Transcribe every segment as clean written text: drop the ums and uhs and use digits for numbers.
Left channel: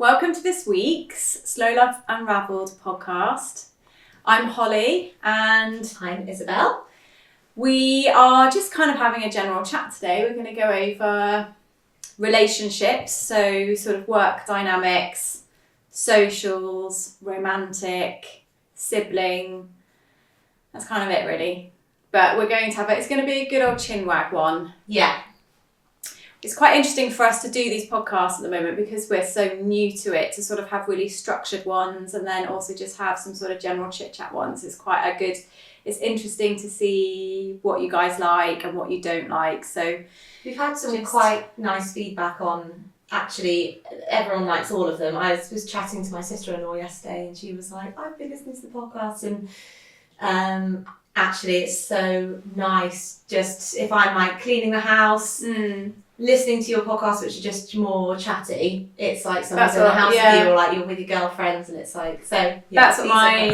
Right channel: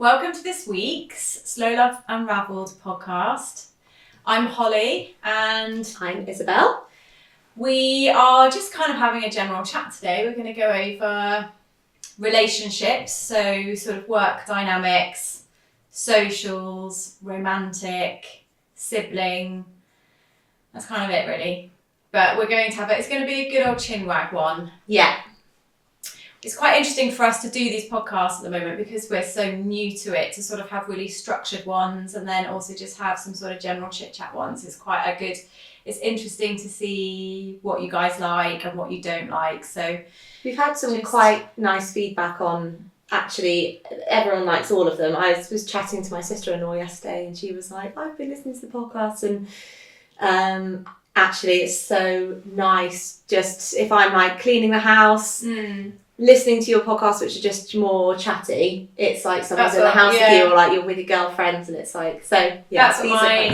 Welcome to this week's Love Unravelled podcast. I'm Holly and I'm Isabel. We are just kind of having a general chat today. We're going to go over relationships, so sort of work dynamics, socials, romantic, sibling. That's kind of it really. But we're going to have it's going to be a good old chinwag one. Yeah. It's quite interesting for us to do these podcasts at the moment because we're so new to it, to sort of have really structured ones and then also just have some sort of general chit chat ones. It's interesting to see what you guys like and what you don't like. So we've had some quite nice feedback on, actually, everyone likes all of them. I was chatting to my sister-in-law yesterday and she was like, I've been listening to the podcast and actually it's so nice just if I'm like cleaning the house, listening to your podcast, which are just more chatty. It's like someone's in the house with you, or like you're with your girlfriends, and it's like so. Yeah,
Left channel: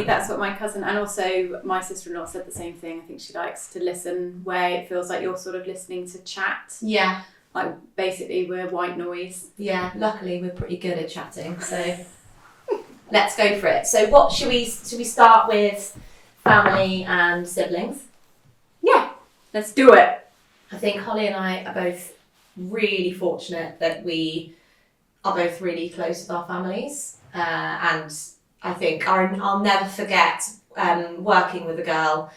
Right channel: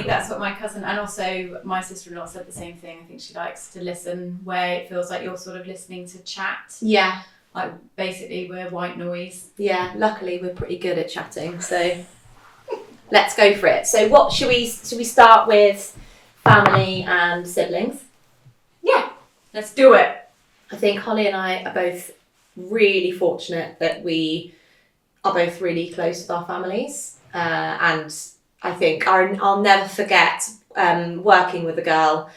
that's what my cousin and also my sister-in-law said the same thing. I think she likes to listen where it feels like you're sort of listening to chat. Yeah, like basically we're white noise. Yeah, luckily we're pretty good at chatting, so let's go for it. So what should we start with? Family and siblings. Yeah, let's do it. I think Holly and I are both really fortunate that we are both really close with our families, and I think I'll never forget working with a girl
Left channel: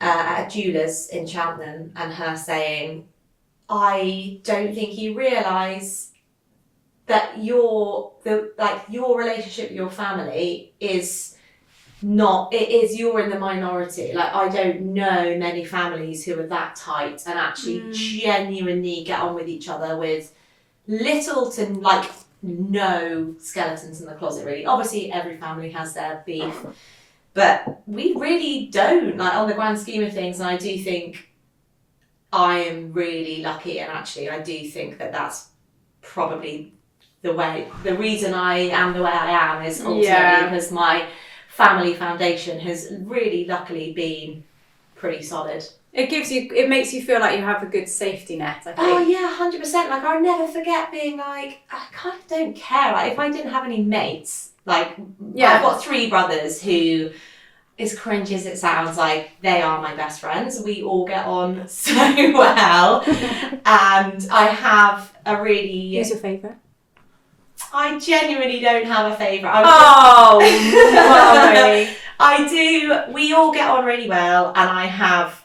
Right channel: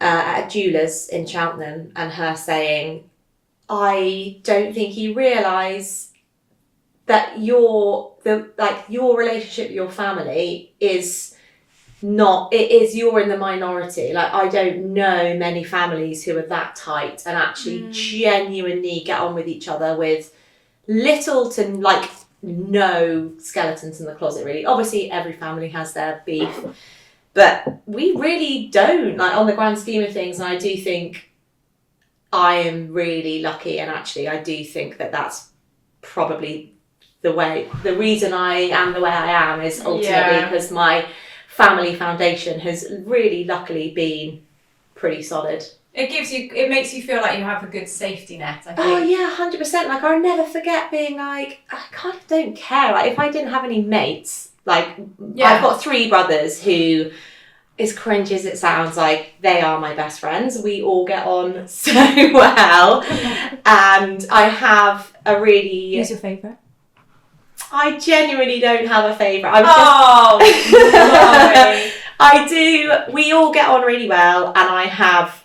at a jeweller's in Cheltenham and her saying, I don't think you realise that your relationship with your family is not, it is, you're in the minority. Like, I don't know many families who are that tight and actually genuinely get on with each other with little to like no skeletons in the closet, really. Obviously every family has their beef, but we really don't, like, on the grand scheme of things. And I do think I am really lucky, and actually I do think that that's probably the reason I am the way I am is ultimately because my family foundation has really luckily been pretty solid. It makes you feel like you have a good safety net, I think. Oh yeah, 100%. Like, I'll never forget being like, I kind of don't care. Like, if I didn't have any mates, like, I've got 3 brothers who, as cringe as it sounds, like, they are my best friends. We all get on so well. And I have a really... Who's your favourite? I genuinely don't have a favourite. No. I do. We all get on really well, and I have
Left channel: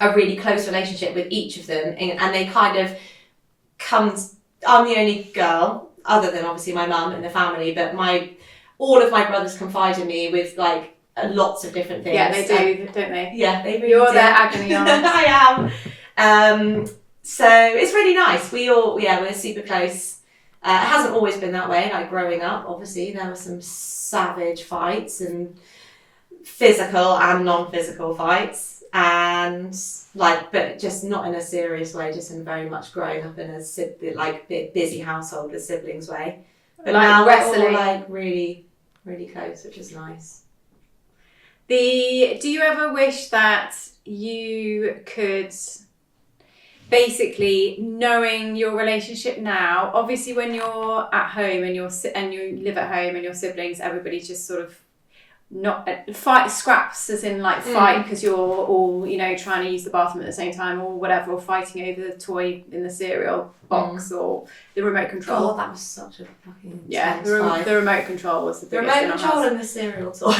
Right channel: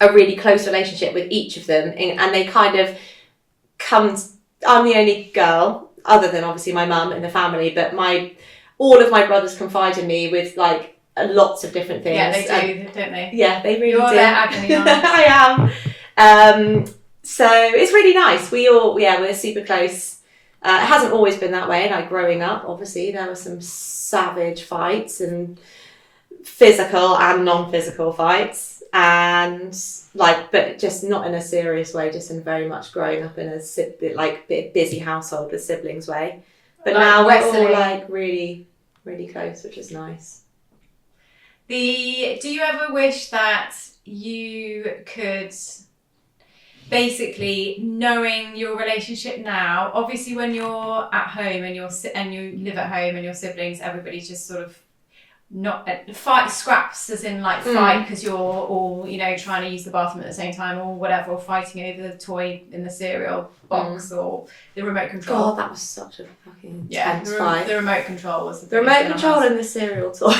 a really close relationship with each of them, and they kind of I'm the only girl, other than obviously my mum in the family, but all of my brothers confide in me with like lots of different things. Yeah, they do, don't they? Yeah, they really do. You're their agony aunt. I am. So it's really nice. We're super close. It hasn't always been that way. Like, growing up, obviously, there were some savage fights and physical and non-physical fights, and but just not in a serious way, just in very much growing up in a busy household with siblings way. But like now we're all like really, really close, which is nice. Do you ever wish that you could... Basically, knowing your relationship now, obviously when you're at home and you live at home and your siblings, everybody's just sort of not fight scraps, as in like fight because you're all trying to use the bathroom at the same time or whatever, or fighting over the toy in the cereal box or the remote control. God, that was such a fucking the remote control was the remote control and the cereal toy.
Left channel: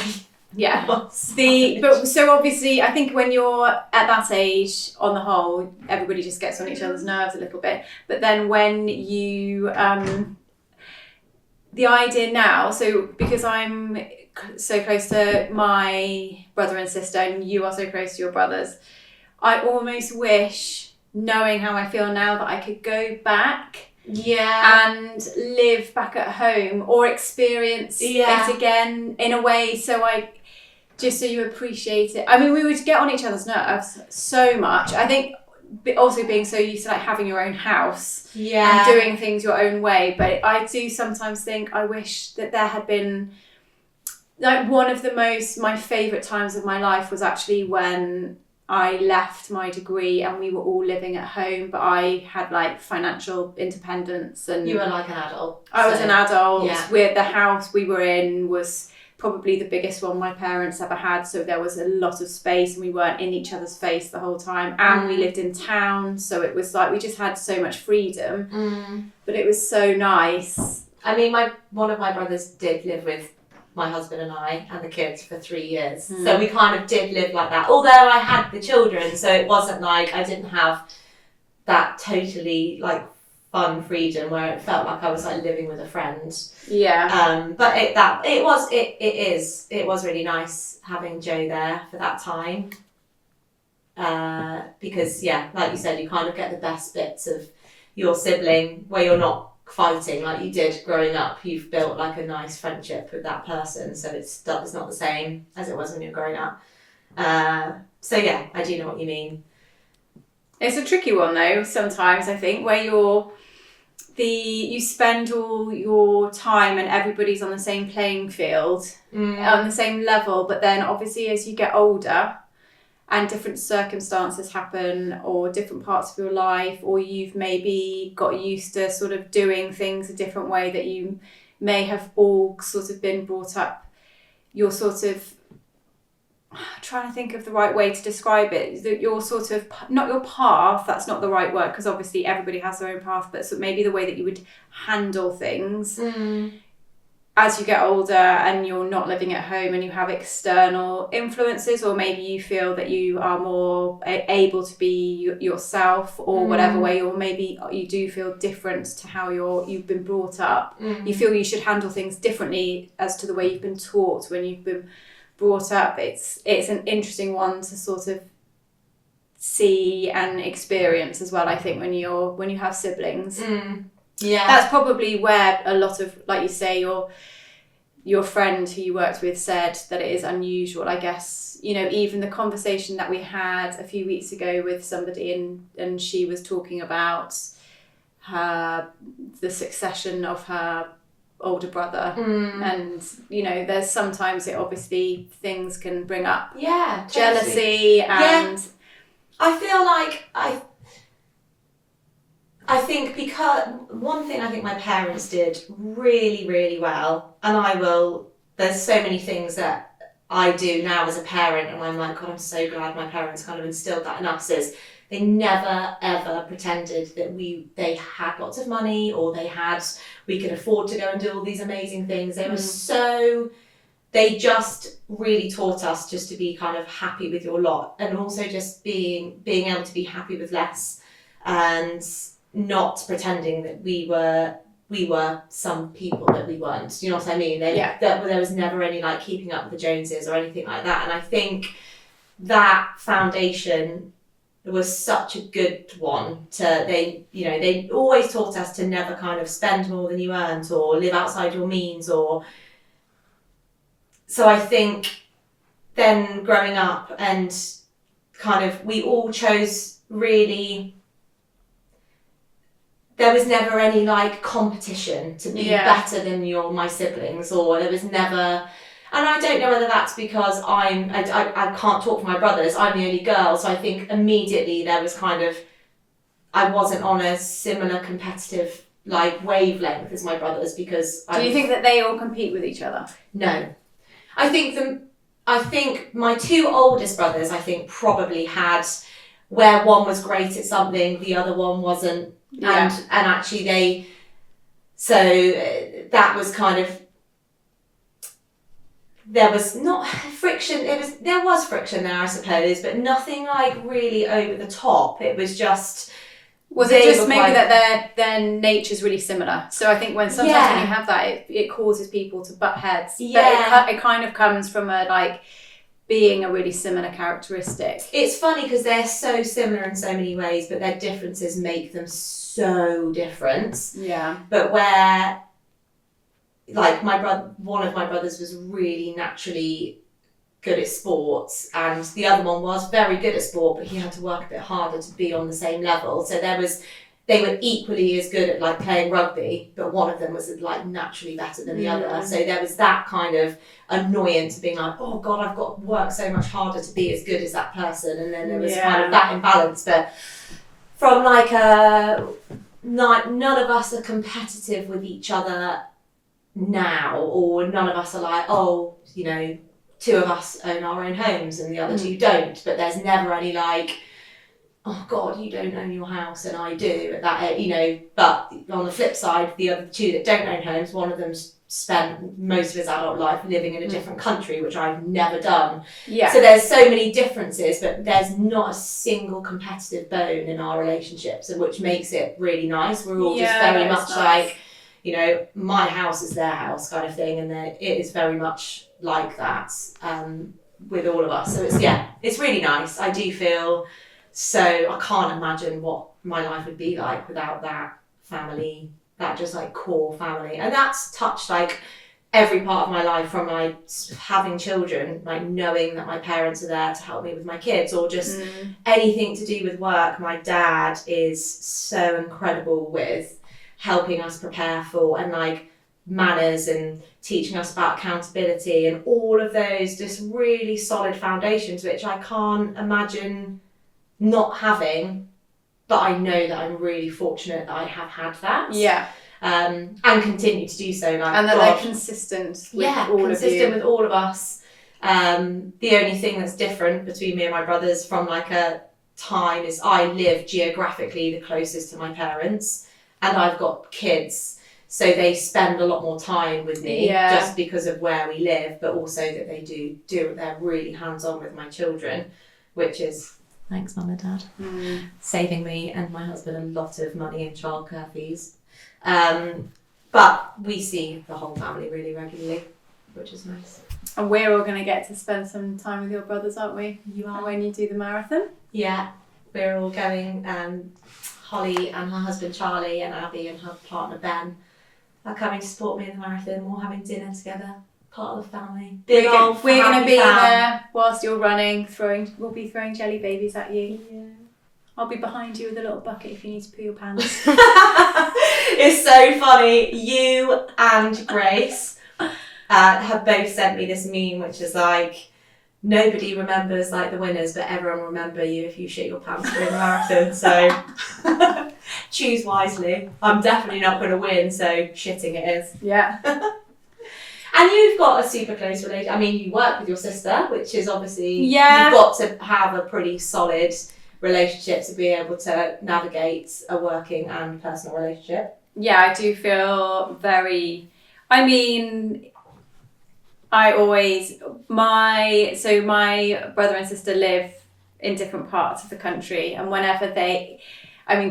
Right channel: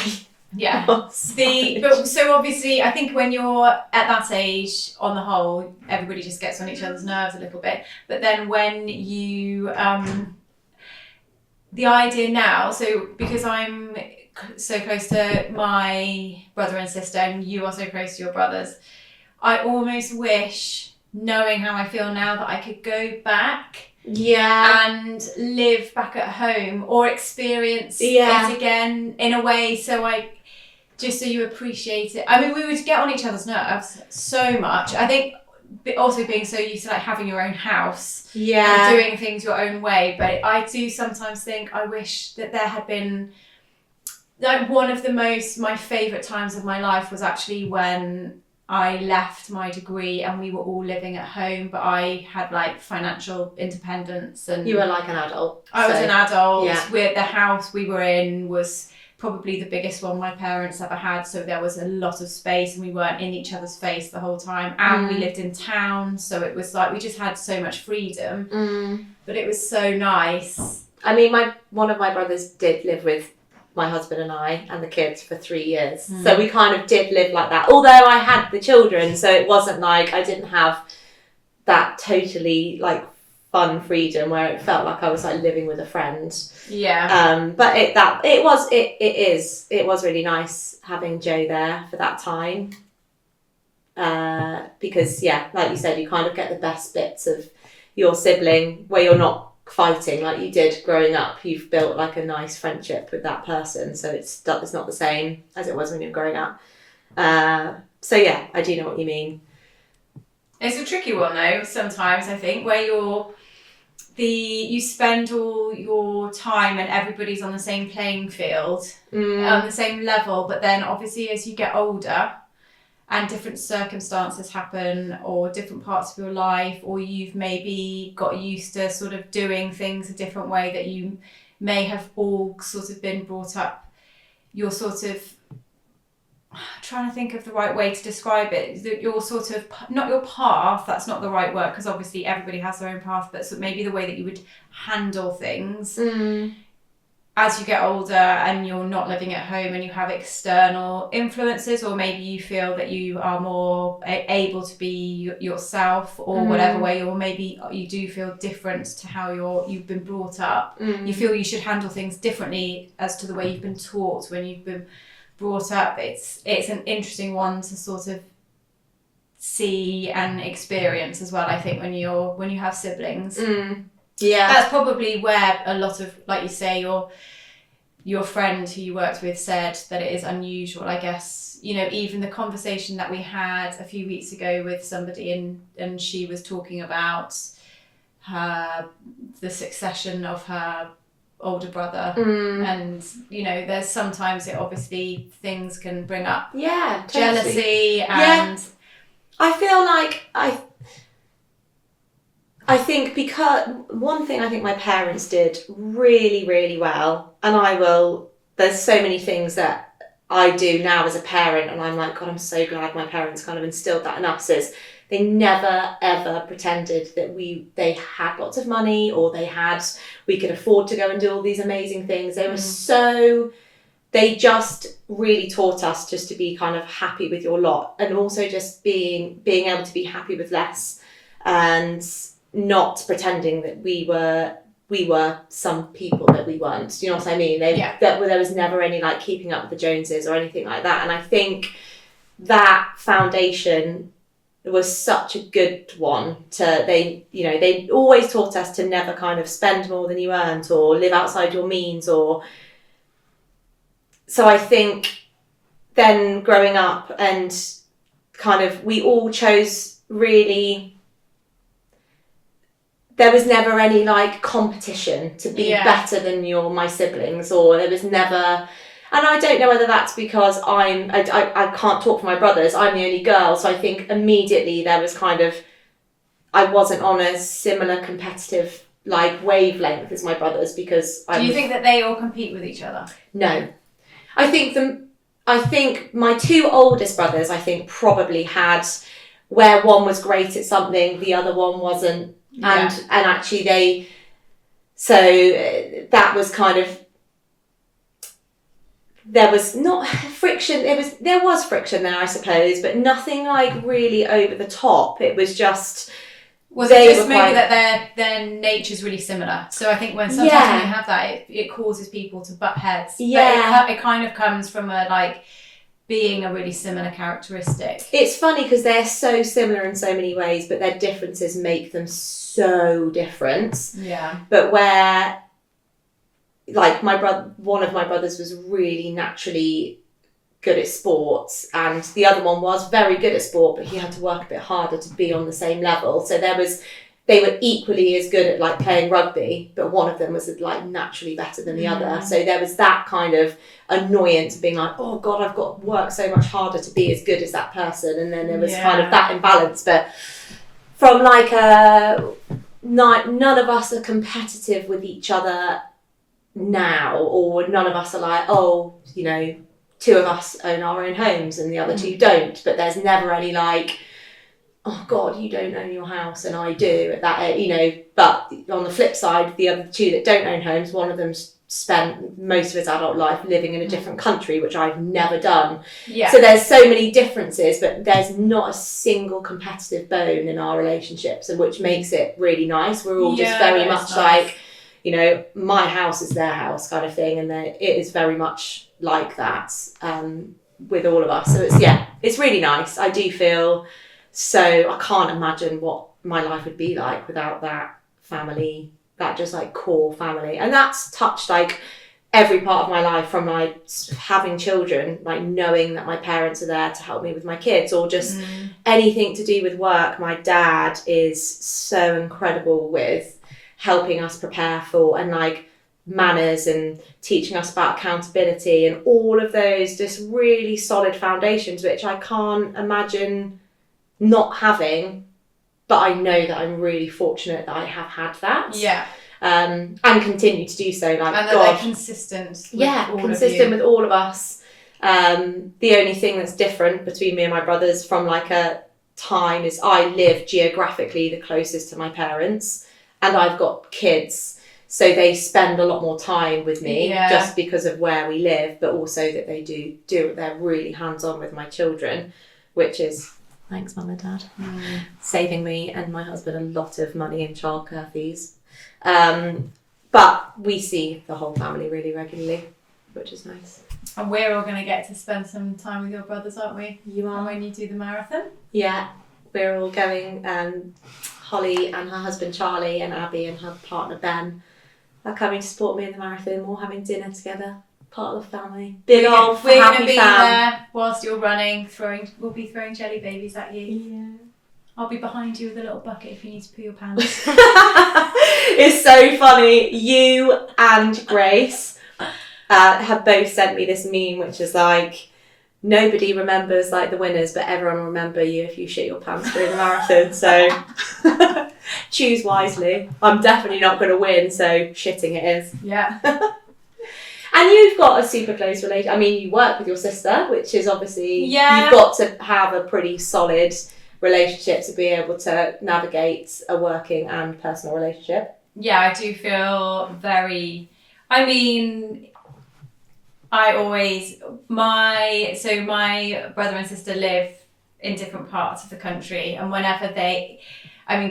Yeah. So obviously I think when you're at that age, on the whole, everybody just gets on each other's nerves a little bit. But then when you the idea now, so because I'm so close to my brother and sister and you are so close to your brothers, I almost wish, knowing how I feel now, that I could go back and live back at home or experience it again in a way just so you appreciate it. I mean, we would get on each other's nerves so much. I think also being so used to like having your own house and doing things your own way, but I do sometimes think I wish that there had been like one of my favourite times of my life was actually when I left my degree and we were all living at home, but I had like financial independence, and You were like an adult. I was an adult. Yeah. The house we were in was probably the biggest one my parents ever had, so there was a lot of space and we weren't in each other's face the whole time, and we lived in town, so it was like we just had so much freedom. But it was so nice. I mean, one of my brothers did live with my husband and I and the kids for 3 years, so we kind of did live like that, although I had the children, so it wasn't like I didn't have that totally like fun freedom where it felt like I was like living with a friend. But it was really nice having Joe there for that time, because like you said, you kind of get the best bits of your sibling where you're not fighting like you did growing up. You've built like a nice friendship with that person, so it's not the same as it was when you're growing up. So yeah, I do know what you mean. It's a tricky one though sometimes, I think, where you spend all your time and everybody's on the same playing field, on the same level, but then obviously as you get older and different circumstances happen, or different parts of your life, or you've maybe got used to sort of doing things a different way that you may have all sort of been brought up, you're sort of trying to think of the right way to describe it, that you're sort of, not your path, that's not the right word, because obviously everybody has their own path, but so maybe the way that you would handle things as you get older and you're not living at home and you have external influences, or maybe you feel that you are more able to be yourself, or whatever way, or maybe you do feel different to how you've been brought up. You feel you should handle things differently as to the way you've been taught when you've been brought up. It's an interesting one to sort of see and experience as well, I think, when you have siblings. That's probably where a lot of, like you say, your friend who you worked with said that it is unusual, I guess. Even the conversation that we had a few weeks ago with somebody, and she was talking about the succession of her older brother, and there's sometimes it obviously things can bring up jealousy, and I feel like I think, because one thing I think my parents did really, really well, and there's so many things that I do now as a parent, and I'm like, God, I'm so glad my parents kind of instilled that in us, is they never ever pretended that they had lots of money, or we could afford to go and do all these amazing things. They just really taught us just to be kind of happy with your lot, and also just being able to be happy with less, and not pretending that we were some people that we weren't. Do you know what I mean? There was never any like keeping up with the Joneses or anything like that. And I think that foundation was such a good one. They always taught us to never kind of spend more than you earned, or live outside your means, or. So I think then growing up, and kind of we all chose really. There was never any like competition to be better than my siblings, or there was never, and I don't know whether that's because I can't talk for my brothers, I'm the only girl, so I think immediately there was kind of, I wasn't on a similar competitive like wavelength as my brothers, because Do you think that they all compete with each other? No. I think my two oldest brothers, I think, probably had, where one was great at something, the other one wasn't. And actually that was kind of, there was not friction, there was friction there, I suppose, but nothing like really over the top. It was just, was it just maybe that their nature's really similar? So I think sometimes when you have that, it causes people to butt heads. But it kind of comes from a like being a really similar characteristic. It's funny because they're so similar in so many ways, but their differences make them so different. Yeah. But where, like one of my brothers was really naturally good at sports, and the other one was very good at sport, but he had to work a bit harder to be on the same level. So there was they were equally as good at like playing rugby, but one of them was like naturally better than the other. So there was that kind of annoyance of being like, oh God, I've got to work so much harder to be as good as that person. And then there was kind of that imbalance. But from like none of us are competitive with each other now, or none of us are like, oh, you know, two of us own our own homes and the other two don't. But there's never any like, oh God, you don't own your house and I do at that, you know. But on the flip side, the other two that don't own homes, one of them's spent most of his adult life living in a different country, which I've never done. Yeah. So there's so many differences, but there's not a single competitive bone in our relationships, and which makes it really nice. We're all just very much like, you know, my house is their house kind of thing, and it is very much like that with all of us. So it's really nice. I do feel so, I can't imagine what my life would be like without that family, that just like core family. And that's touched like every part of my life, from like having children, like knowing that my parents are there to help me with my kids, or just anything to do with work. My dad is so incredible with helping us prepare for, and like manners and teaching us about accountability and all of those just really solid foundations, which I can't imagine not having, but I know that I'm really fortunate that I have had that. Yeah. And continue to do so. Like, and that they're consistent with all consistent of you. with all of us. The only thing that's different between me and my brothers from like a time is I live geographically the closest to my parents, and I've got kids, so they spend a lot more time with me just because of where we live, but also that they they're really hands-on with my children, which is, thanks Mum and Dad, saving me and my husband a lot of money in childcare fees. But we see the whole family really regularly, which is nice. And we're all going to get to spend some time with your brothers, aren't we? You are, when you do the marathon. Yeah, we're all going. Holly and her husband Charlie and Abby and her partner Ben are coming to support me in the marathon. We're having dinner together. Part of the family. We're going to be there whilst you're running. We'll be throwing jelly babies at you. Yeah. I'll be behind you with a little bucket if you need to poo your pants. It's so funny. You and Grace have both sent me this meme, which is like, nobody remembers like the winners, but everyone will remember you if you shit your pants during the marathon. So choose wisely. I'm definitely not going to win, so shitting it is. Yeah. And you've got a super close relationship. I mean, you work with your sister, which is obviously, you've got to have a pretty solid relationship to be able to navigate a working and personal relationship. Yeah, I do feel very, I mean, my brother and sister live in different parts of the country, and whenever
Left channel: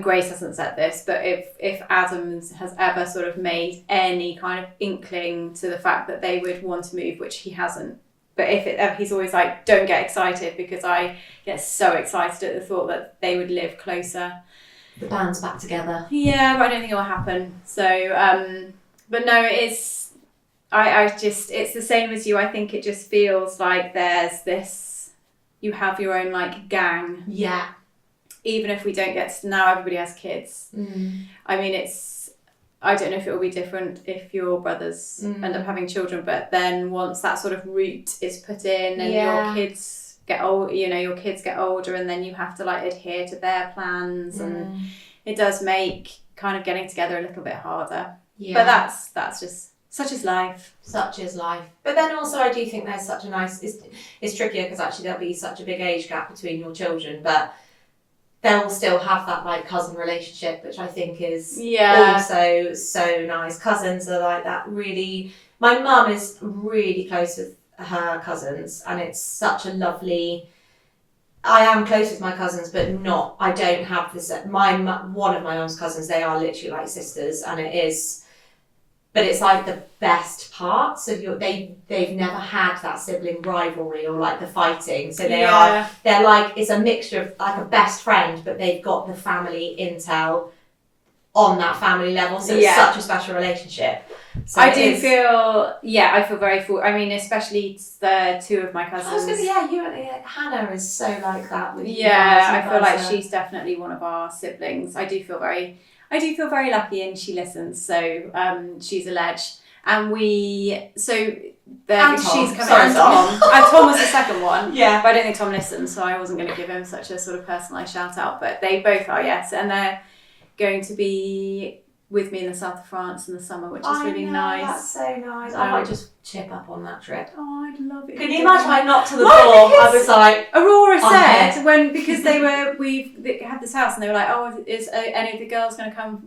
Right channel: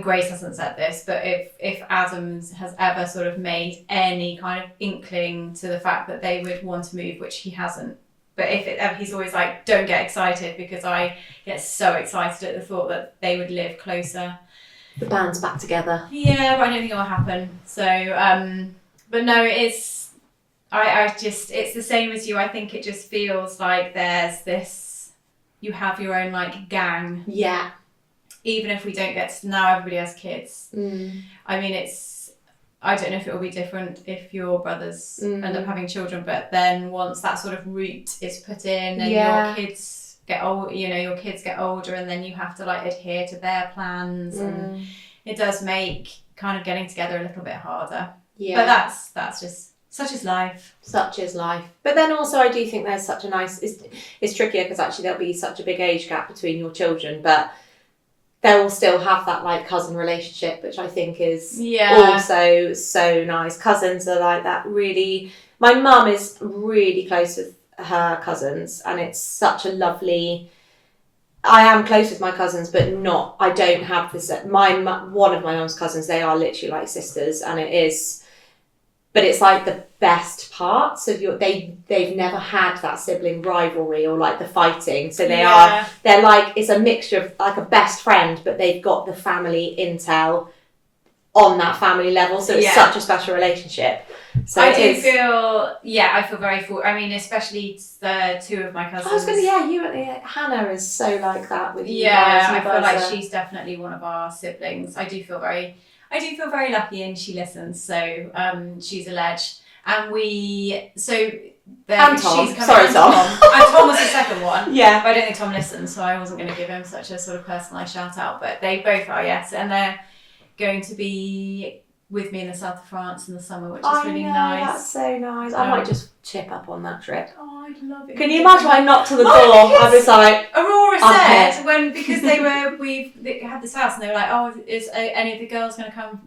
Grace hasn't said this, but if Adams has ever sort of made any kind of inkling to the fact that they would want to move, which he hasn't, but he's always like, don't get excited, because I get so excited at the thought that they would live closer. The band's back together. Yeah, but I don't think it will happen. So, but no, it's the same as you. I think it just feels like there's this, you have your own like gang. Yeah. Even if we don't get to, now everybody has kids. I mean, I don't know if it will be different if your brothers end up having children, but then once that sort of route is put in and your kids get old, your kids get older, and then you have to like adhere to their plans, and it does make kind of getting together a little bit harder. Yeah. But that's just, such is life. Such is life. But then also I do think there's such a nice, it's trickier because actually there'll be such a big age gap between your children, but they'll still have that like cousin relationship, which I think is also so nice. Cousins are like that really. My mum is really close with her cousins, and it's such a lovely. I am close with my cousins, but I don't have this. One of my mum's cousins, they are literally like sisters, and it is. But it's like the best parts of they've never had that sibling rivalry or like the fighting. So they're like, it's a mixture of like a best friend, but they've got the family intel on that family level. So it's such a special relationship. So I feel very fortunate. I mean, especially the two of my cousins. I was going to, Hannah is so like that with you guys. I feel like she's definitely one of our siblings. I do feel very lucky, and she listens. So she's a ledge, and Tom. She's Sorry, Tom. And Tom was the second one. Yeah. But I don't think Tom listens, so I wasn't going to give him such a sort of personalised shout out. But they both are, yes, and they're going to be with me in the south of France in the summer, which is really nice. That's so nice. I might just chip up on that trip. Oh, I'd love it. Can you imagine I knocked to the door? I was like, Aurora said because they had this house and they were like, oh, is any of the girls going to come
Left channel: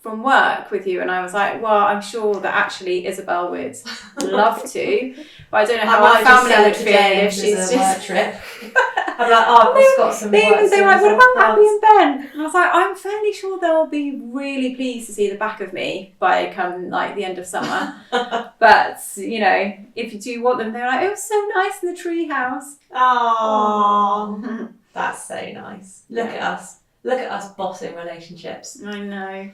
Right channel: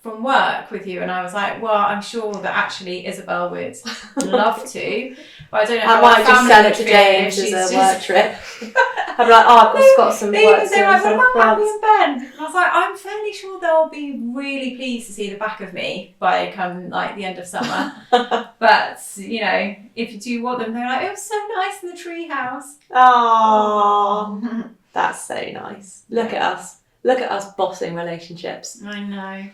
from work with you? And I was like, well, I'm sure that actually Isabel would love to, but I don't know how our family would feel if she's a just work trip. I'm like, oh, I've got some work. They're like, what about Abby and Ben? And I was like, I'm fairly sure they'll be really pleased to see the back of me by the end of summer. But if you do want them, they're like, it was so nice in the tree house. Oh, that's so nice. Look at us bossing relationships. I know.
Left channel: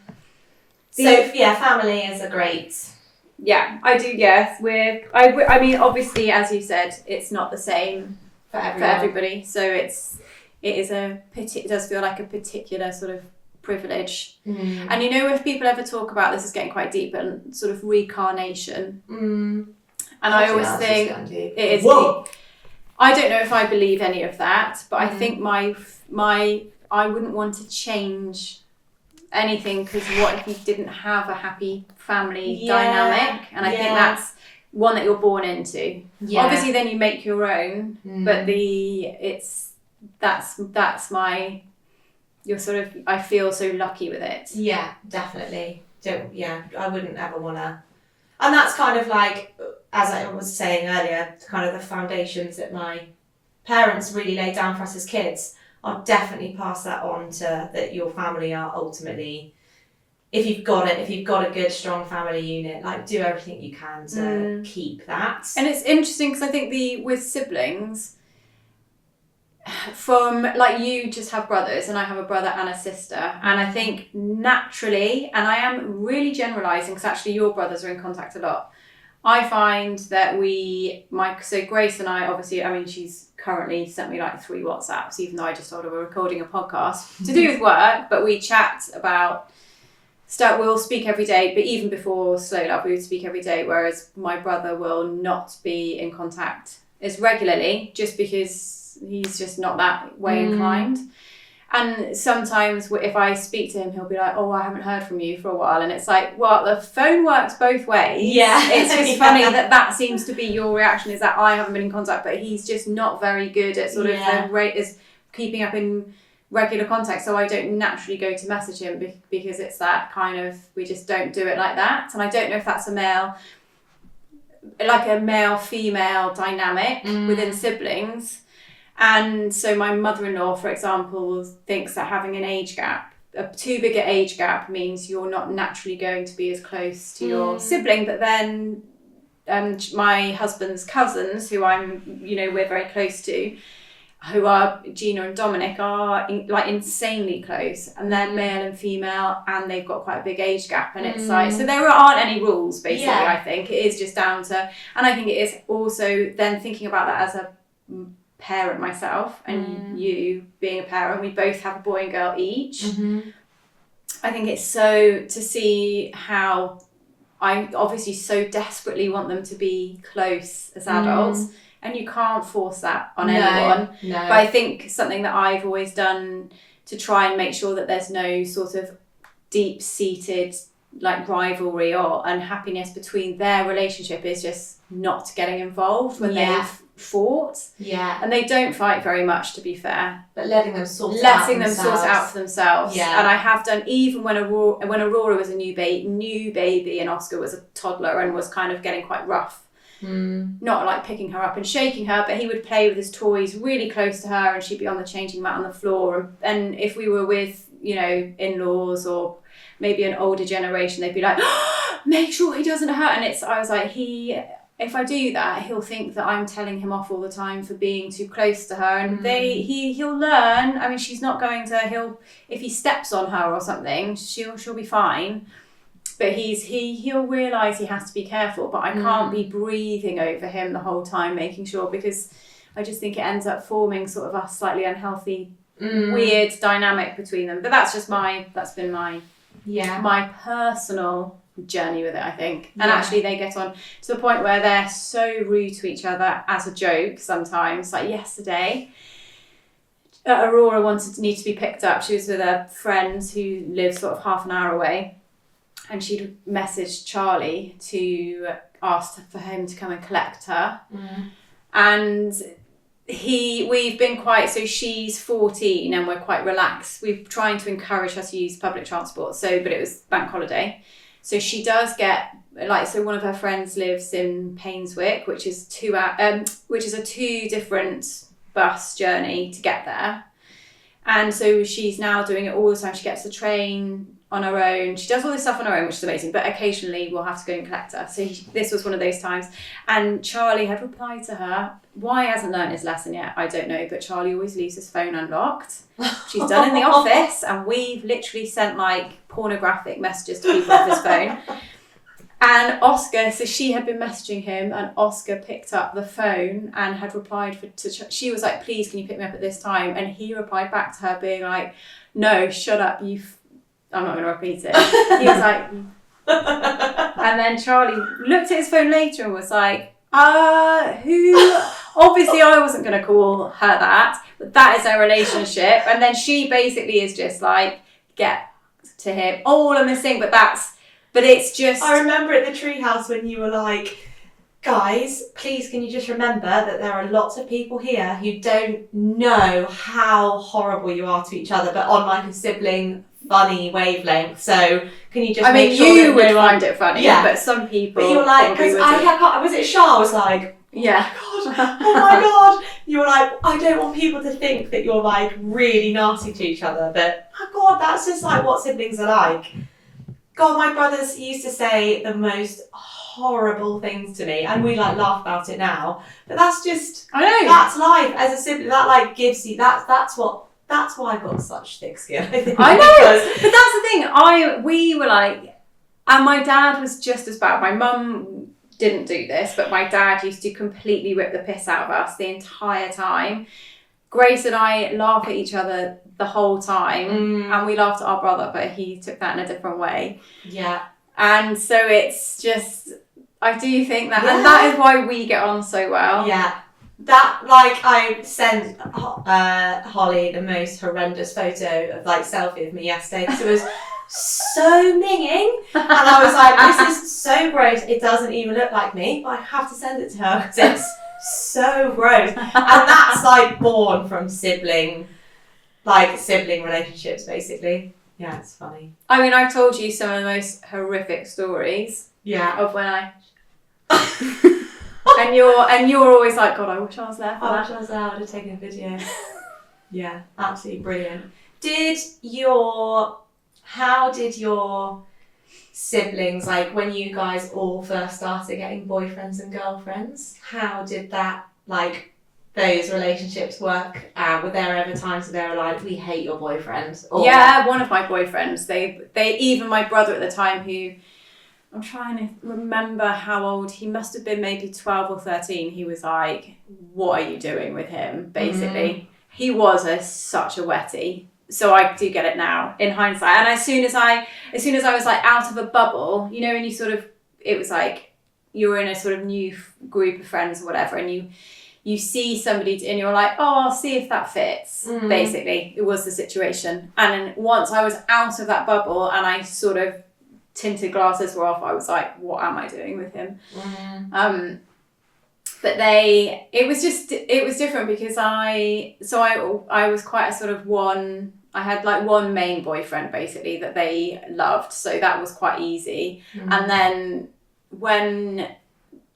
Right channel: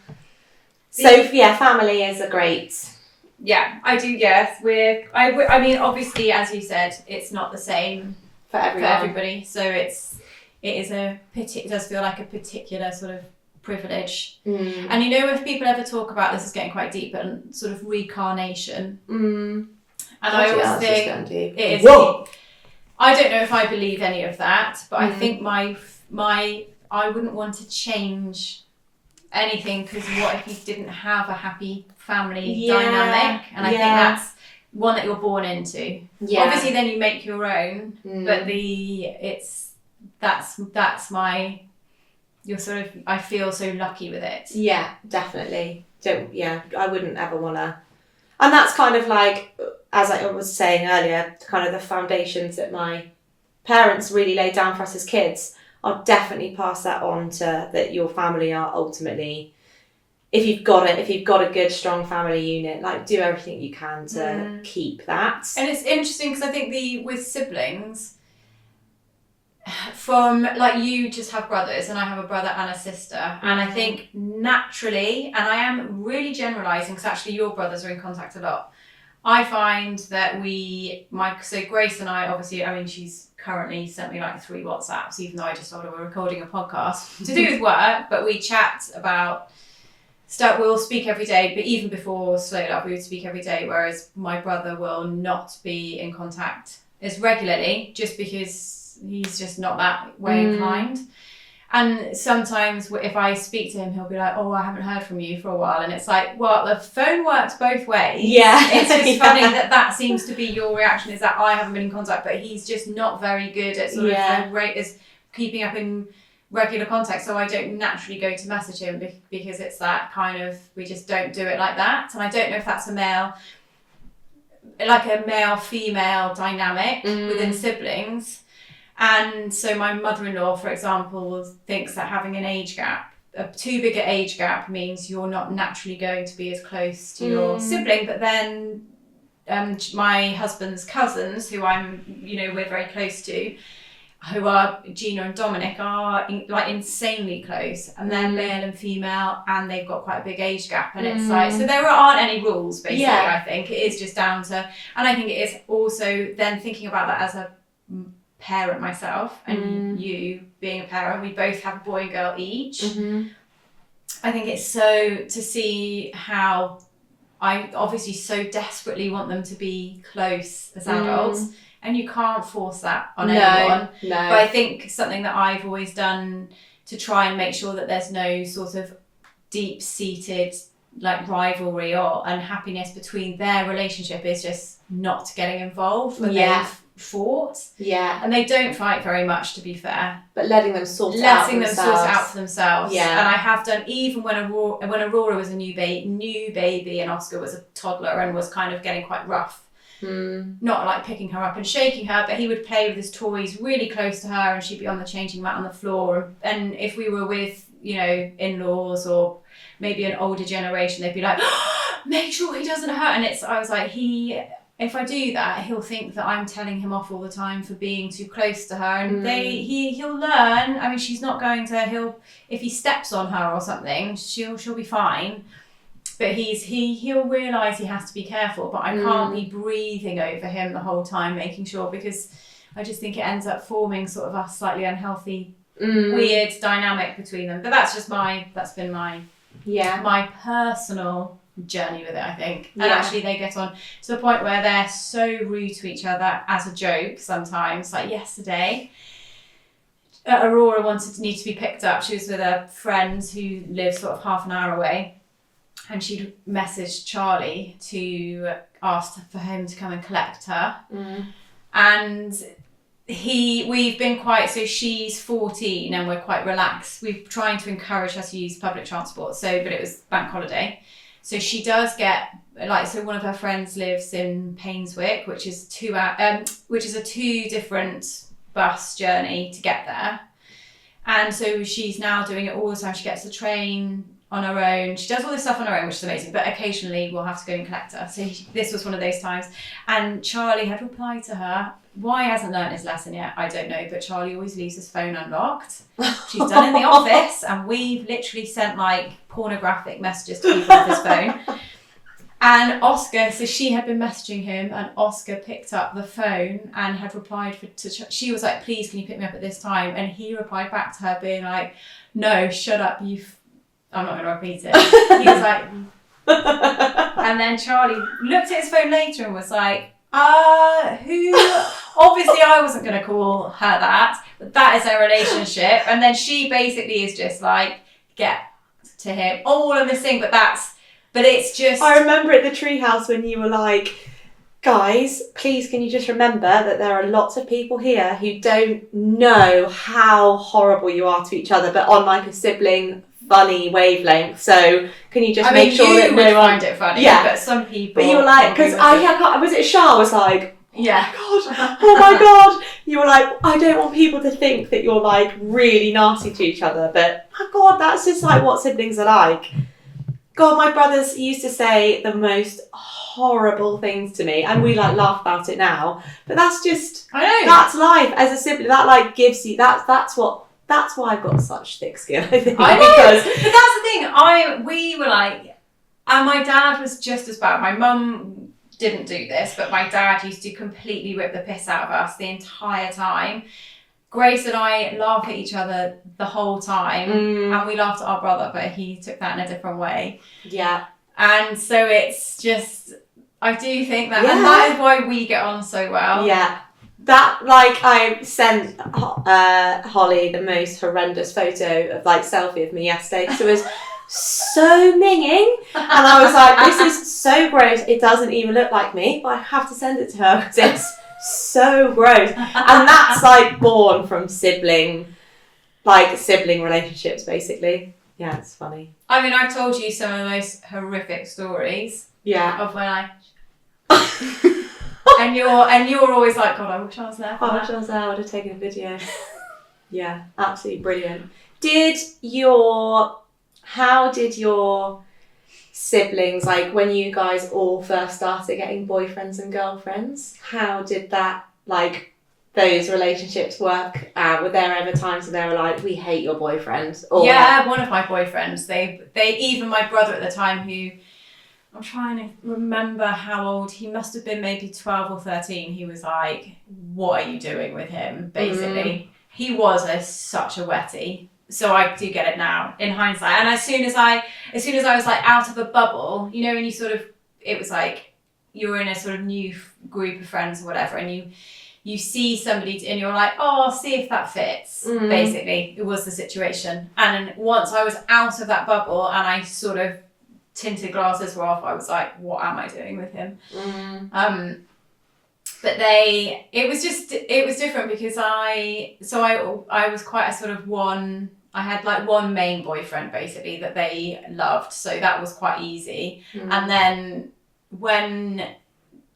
So family is a great. Yeah, I do. Yes, I mean, obviously, as you said, it's not the same for everybody. So it does feel like a particular sort of privilege. Mm. And if people ever talk about this, is getting quite deep, and sort of reincarnation. Mm. And I always think it is. Whoa. I don't know if I believe any of that, but I think I wouldn't want to change anything, because what if you didn't have a happy family dynamic? And I think that's one that you're born into. Yeah. Obviously then you make your own, but I feel so lucky with it. Yeah, definitely. I wouldn't ever want to. And that's kind of like, as I was saying earlier, kind of the foundations that my parents really laid down for us as kids. I'll definitely pass that on to that your family are ultimately, if you've got a good, strong family unit, like do everything you can to keep that. And it's interesting because I think with siblings, from you just have brothers and I have a brother and a sister, and I think naturally, and I am really generalising because actually your brothers are in contact a lot, I find that so Grace and I, obviously, I mean, she's currently sent me 3 WhatsApps, even though I just told her we're recording a podcast to do with work, but we chat about stuff. We'll speak every day, but even before Slow Love, we would speak every day, whereas my brother will not be in contact as regularly, just because he's just not that way inclined. And sometimes if I speak to him, he'll be like, oh, I haven't heard from you for a while. And it's like, well, the phone works both ways. Yeah. It's just funny that seems to be your reaction, is that I haven't been in contact, but he's just not very good at sort of is keeping up in regular contact. So I don't naturally go to message him because it's that kind of, we just don't do it like that. And I don't know if that's a male-female dynamic within siblings. And so my mother-in-law, for example, thinks that having a too big an age gap means you're not naturally going to be as close to your sibling. But then my husband's cousins, who we're very close to, who are Gina and Dominic, are insanely close, and they're male and female, and they've got quite a big age gap, and it's so there aren't any rules, basically. I think it is just down to, and I think it is also then thinking about that as a parent myself, and you being a parent, we both have a boy and girl each. I think it's so to see how I obviously so desperately want them to be close as adults, and you can't force that on anyone. No. But I think something that I've always done to try and make sure that there's no sort of deep-seated rivalry or unhappiness between their relationship is just not getting involved when they've fought. Yeah. And they don't fight very much, to be fair. But letting them sort it out for themselves. Yeah. And I have done, even when Aurora was a new baby and Oscar was a toddler and was kind of getting quite rough. Not picking her up and shaking her, but he would play with his toys really close to her, and she'd be on the changing mat on the floor. And if we were with, in-laws or maybe an older generation, they'd be like, oh, make sure he doesn't hurt. And I was like, if I do that, he'll think that I'm telling him off all the time for being too close to her, and he'll learn. I mean, she's not going to. If he steps on her or something, she'll be fine. But he'll realise he has to be careful. But I can't be breathing over him the whole time, making sure, because I just think it ends up forming sort of a slightly unhealthy, weird dynamic between them. But that's been my personal journey with it, I think. And actually they get on to the point where they're so rude to each other as a joke sometimes. Like yesterday, Aurora needed to be picked up. She was with a friend who lives sort of half an hour away, and she'd messaged Charlie to ask for him to come and collect her. And we've been so she's 14 and we're quite relaxed. We're trying to encourage her to use public transport. But it was bank holiday. So she does get, one of her friends lives in Painswick, which is a 2 different bus journey to get there. And so she's now doing it all the time. She gets the train on her own. She does all this stuff on her own, which is amazing. But occasionally we'll have to go and collect her. So this was one of those times. And Charlie had replied to her. Why he hasn't learned his lesson yet, I don't know. But Charlie always leaves his phone unlocked. She's done in the office, and we've literally sent pornographic messages to people off his phone. And Oscar, so she had been messaging him, and Oscar picked up the phone and had replied she was like, please, can you pick me up at this time? And he replied back to her being like, no, shut up, I'm not going to repeat it. He was like, and then Charlie looked at his phone later and was like, who? Obviously I wasn't going to call her that, but that is their relationship. And then she basically is just like, get to him. All I'm missing, but it's just... I remember at the treehouse when you were like, guys, please can you just remember that there are lots of people here who don't know how horrible you are to each other, but on like a sibling funny wavelength. So can you just make sure that you would find it funny, but some people... But you were like, because was it Shah was like, yeah. Oh my God. You were like, I don't want people to think that you're like really nasty to each other, but oh God, that's just like what siblings are like. God, my brothers used to say the most horrible things to me, and we like laugh about it now. But that's just, I know, that's life as a sibling. That like gives you that's why I've got such thick skin. I think. I know, but that's the thing. We were like, and my dad was just as bad. My mum didn't do this, but my dad used to completely rip the piss out of us the entire time. Grace and I laugh at each other the whole time, and we laughed at our brother, but he took that in a different way. Yeah. And so it's just, I do think that, and that is why we get on so well. Yeah. That, like, I sent Holly the most horrendous photo of, like, selfie of me yesterday, because it was so minging, and I was like, this is so gross, it doesn't even look like me, but I have to send it to her, because it's so gross. And that's, like, born from sibling relationships, basically. Yeah, it's funny. I mean, I've told you some of the most horrific stories. Yeah. Of when I... and you're always like, God, I wish I was there. I wish I was there, I would have taken a video. Yeah, absolutely brilliant. How did your siblings, like when you guys all first started getting boyfriends and girlfriends, how did that, like, those relationships work? Were there ever times where they were like, we hate your boyfriend? Or yeah, one of my boyfriends, they even my brother at the time, who, I'm trying to remember how old, he must have been maybe 12 or 13, he was like, what are you doing with him, basically. He was such a wetty. So I do get it now in hindsight. And as soon as I was like out of a bubble, you know, and you sort of, it was like you're in a sort of new group of friends or whatever, and you see somebody and you're like, oh, I'll see if that fits. Basically, it was the situation. And once I was out of that bubble and I sort of tinted glasses were off, I was like, what am I doing with him? But it was different because I was quite a sort of I had like one main boyfriend basically that they loved. So that was quite easy. And then when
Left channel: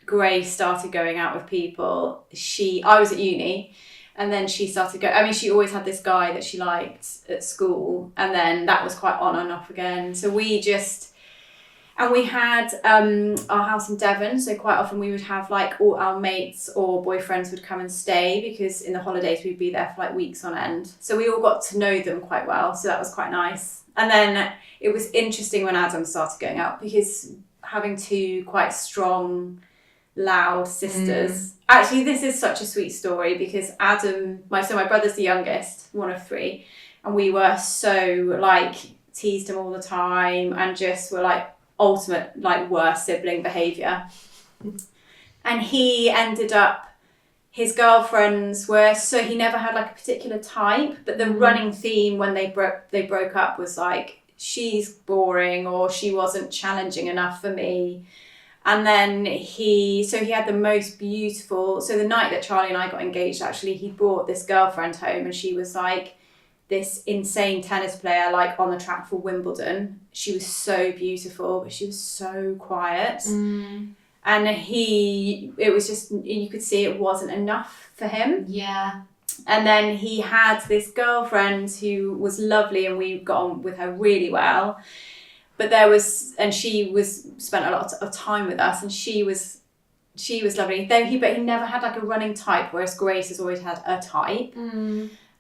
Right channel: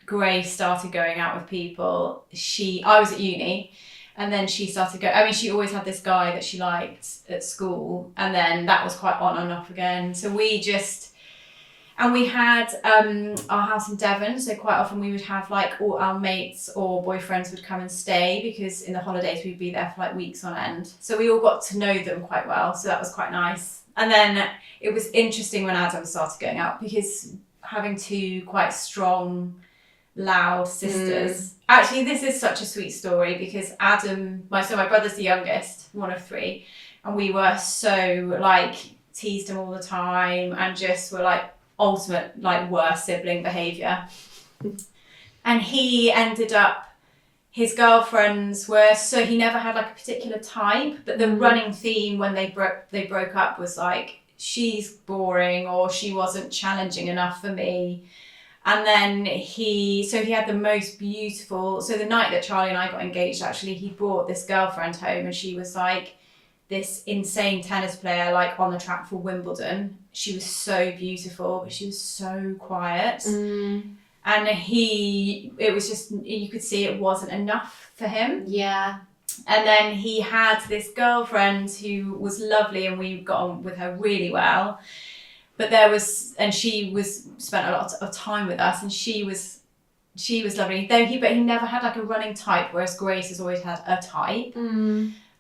Grace started going out with people, I was at uni, and then she started she always had this guy that she liked at school, and then that was quite on and off again. So we just, And we had our house in Devon, so quite often we would have like all our mates or boyfriends would come and stay, because in the holidays we'd be there for like weeks on end. So we all got to know them quite well, so that was quite nice. And then it was interesting when Adam started going out, because having two quite strong, loud sisters. Actually, this is such a sweet story, because Adam, my brother's the youngest, one of three, and we were so like teased him all the time and just were like ultimate like worst sibling behaviour. And he ended up, his girlfriends were, so he never had like a particular type, but the running theme when they broke up was like, she's boring, or she wasn't challenging enough for me. And then he had the most beautiful, so the night that Charlie and I got engaged, actually, he brought this girlfriend home, and she was like this insane tennis player, like on the track for Wimbledon. She was so beautiful, but she was so quiet. And it was just, you could see it wasn't enough for him. Yeah. And then he had this girlfriend who was lovely, and we got on with her really well. But she spent a lot of time with us, and she was lovely. But he never had like a running type, whereas Grace has always had a type.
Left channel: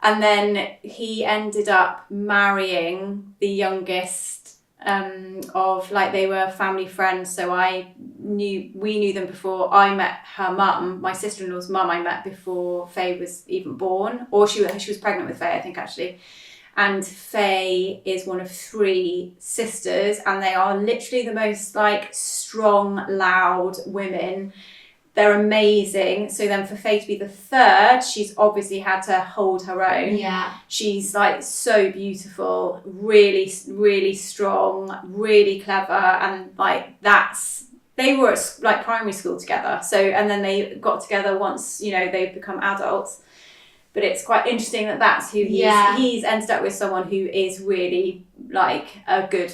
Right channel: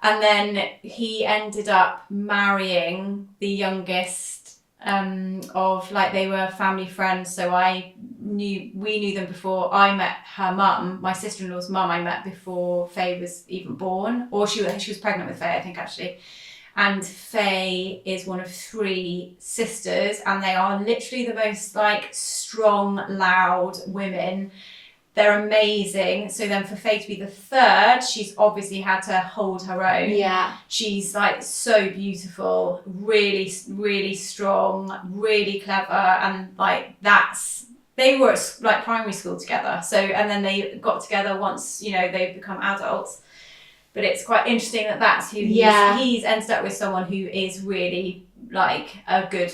And then he ended up marrying the youngest of, like, they were family friends. So we knew them before I met her mum, my sister-in-law's mum. I met before Faye was even born, or she was pregnant with Faye, I think, actually. And Faye is one of three sisters, and they are literally the most like strong, loud women. They're amazing. So then for Faye to be the third, she's obviously had to hold her own. Yeah. She's like so beautiful, really, really strong, really clever. And like they were at like primary school together. So, and then they got together once, they've become adults. But it's quite interesting that that's who he's ended up with, someone who is really like a good,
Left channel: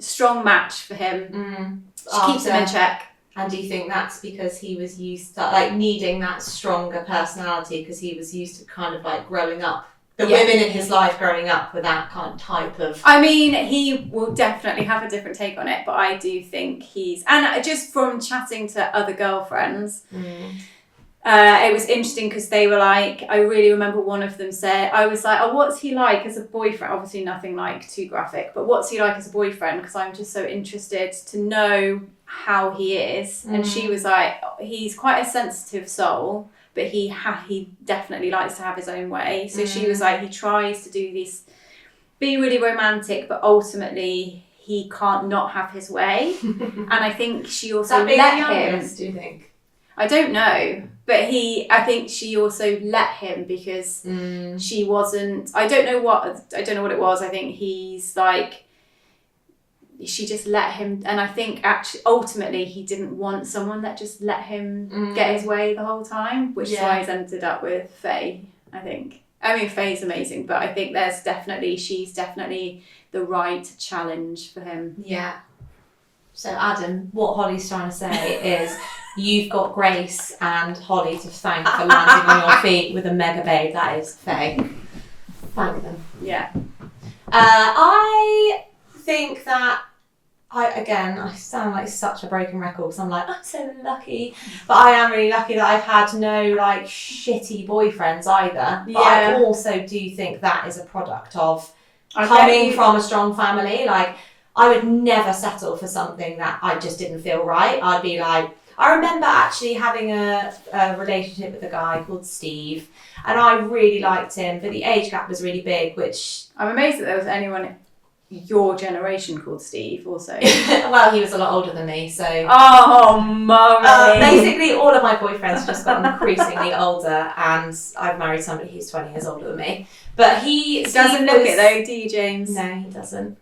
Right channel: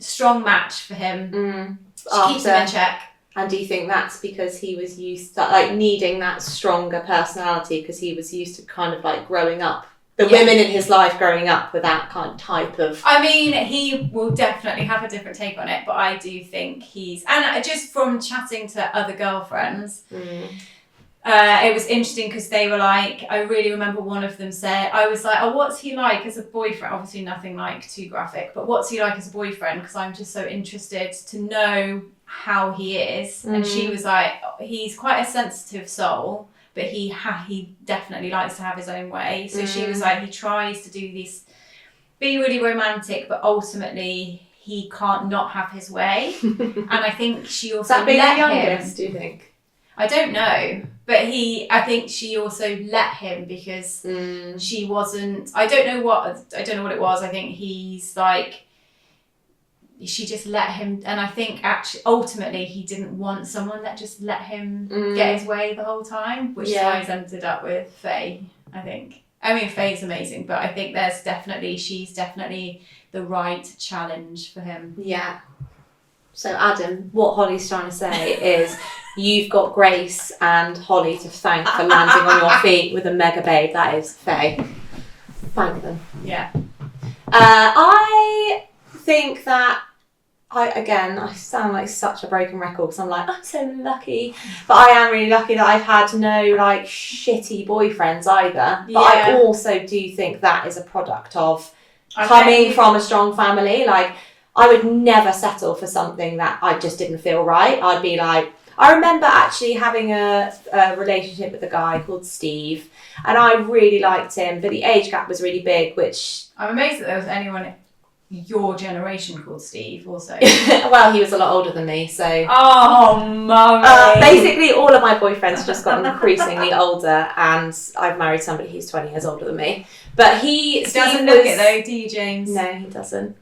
strong match for him. She keeps him in check. And do you think that's because he was used to like needing that stronger personality, because he was used to kind of like growing up, the women in his life growing up with that kind of type of... I mean, he will definitely have a different take on it, but I do think and just from chatting to other girlfriends, it was interesting, because they were like, I really remember one of them said, I was like, oh, what's he like as a boyfriend? Obviously nothing like too graphic, but what's he like as a boyfriend? Because I'm just so interested to know how he is. And she was like, he's quite a sensitive soul, but he definitely likes to have his own way. So she was like, he tries to do this, be really romantic, but ultimately he can't not have his way. And I think she also let him. Do you think? I don't know, but I think she also let him, because she wasn't, I don't know what it was. I think he's like, she just let him, and I think actually ultimately he didn't want someone that just let him get his way the whole time, which is why he's ended up with Faye, I think. I mean, Faye's amazing, but I think she's definitely the right challenge for him. Yeah. So Adam, what Holly's trying to say is you've got Grace and Holly to thank for landing on your feet with a mega babe that is Faye. Thank them. Yeah. I think that I sound like such a broken record, because I'm like, I'm so lucky. But I am really lucky that I've had no like shitty boyfriends either. But I also do think that is a product of coming from a strong family. Like, I would never settle for something that I just didn't feel right. I'd be like, I remember actually having a relationship with a guy called Steve, and I really liked him, but the age gap was really big, which... I'm amazed that there was anyone your generation called Steve also. Well, he was a lot older than me, so... Oh, mummy! Basically, all of my boyfriends just got increasingly older, and I've married somebody who's 20 years older than me. But he doesn't look it though, do you, James? No, he doesn't.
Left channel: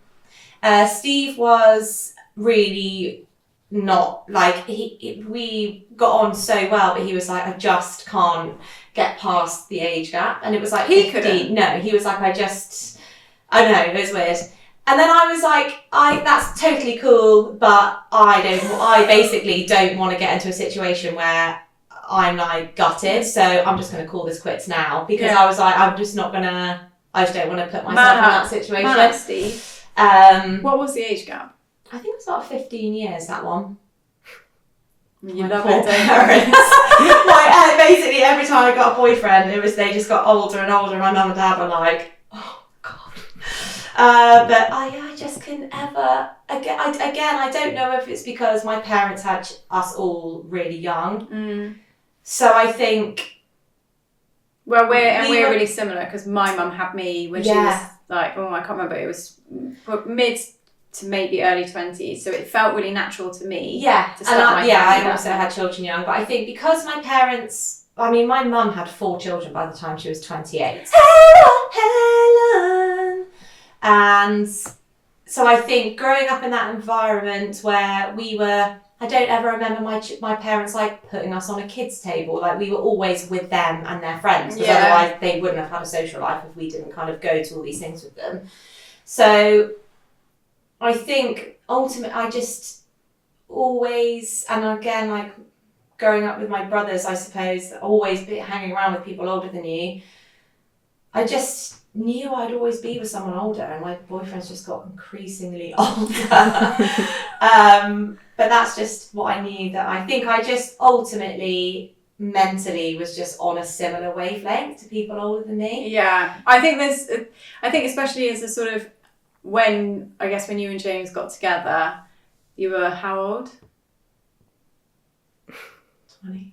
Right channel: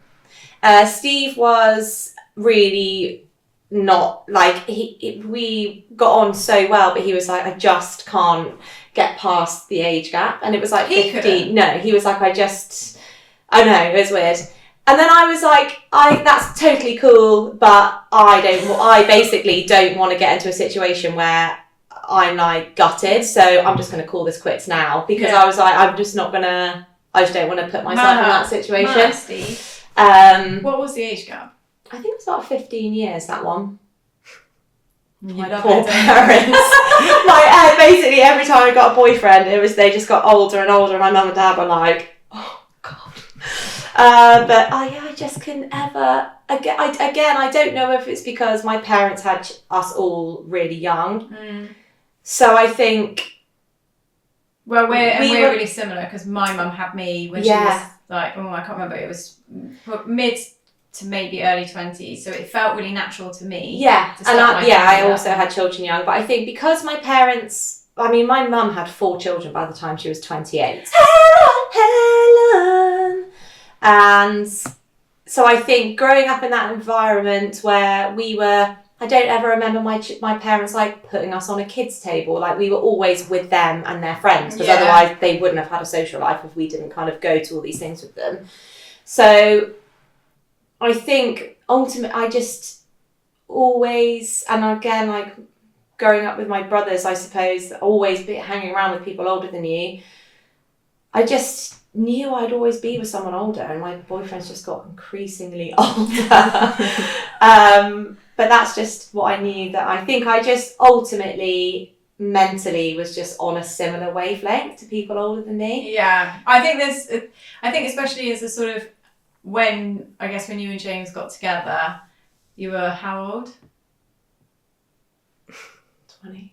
Steve was really not like we got on so well, but he was like, I just can't get past the age gap, and it was like 50. No, he was like, I don't know, it was weird. And then I was like, that's totally cool, but I basically don't want to get into a situation where I'm like gutted, so I'm just going to call this quits now, because I was like, I just don't want to put myself in that situation. Steve. What was the age gap? I think it was about 15 years, that one. You My love poor it, don't you? parents. Basically, every time I got a boyfriend, they just got older and older. My mum and dad were like, oh, God. But I just couldn't ever... Again, I don't know if it's because my parents had us all really young. Mm. So I think... Well, we're really similar, because my mum had me when she was like, I can't remember, it was mid to maybe early 20s, so it felt really natural to me. Yeah, to start I also had children young, but I think because my parents... I mean, my mum had 4 children by the time she was 28. Helen! And so I think growing up in that environment where we were... I don't ever remember my parents like putting us on a kids' table. Like, we were always with them and their friends, because otherwise they wouldn't have had a social life if we didn't kind of go to all these things with them. So I think ultimately I just always, and again, like growing up with my brothers, I suppose, always hanging around with people older than you, I just knew I'd always be with someone older, and my boyfriend's just got increasingly older. But that's just what I knew, that I think I just ultimately mentally was just on a similar wavelength to people older than me. Yeah, I think especially as a sort of, when you and James got together, you were how old? 20.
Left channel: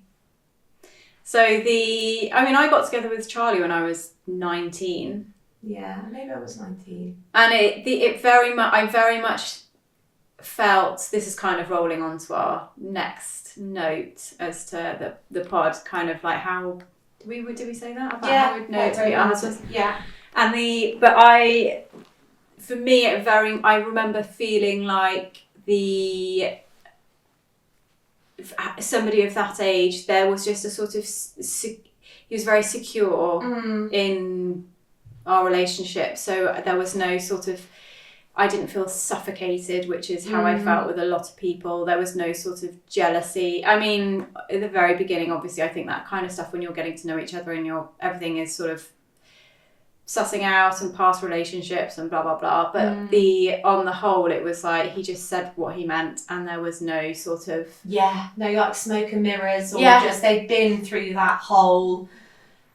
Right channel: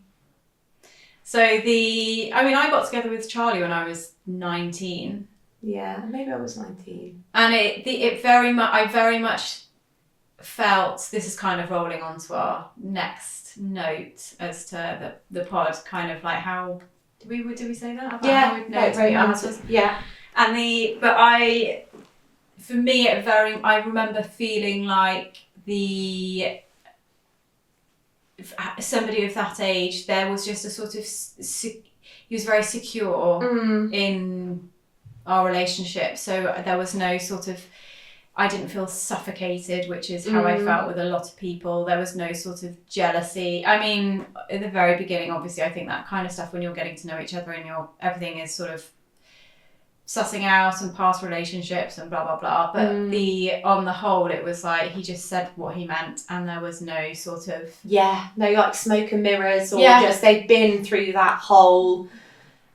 So I got together with Charlie when I was 19. Yeah, maybe I was 19. And I very much felt, this is kind of rolling onto our next note as to the pod, kind of like how did we say that? About how we'd know to be our husbands? Yeah. And I remember feeling like somebody of that age, there was just a sort of he was very secure in our relationship, so there was no sort of, I didn't feel suffocated, which is how I felt with a lot of people. There was no sort of jealousy. I mean, at the very beginning, obviously, I think that kind of stuff, when you're getting to know each other and everything is sort of sussing out and past relationships and blah, blah, blah. But on the whole, it was like, he just said what he meant, and there was no sort of... Yeah, no like smoke and mirrors, or just they've been through that whole...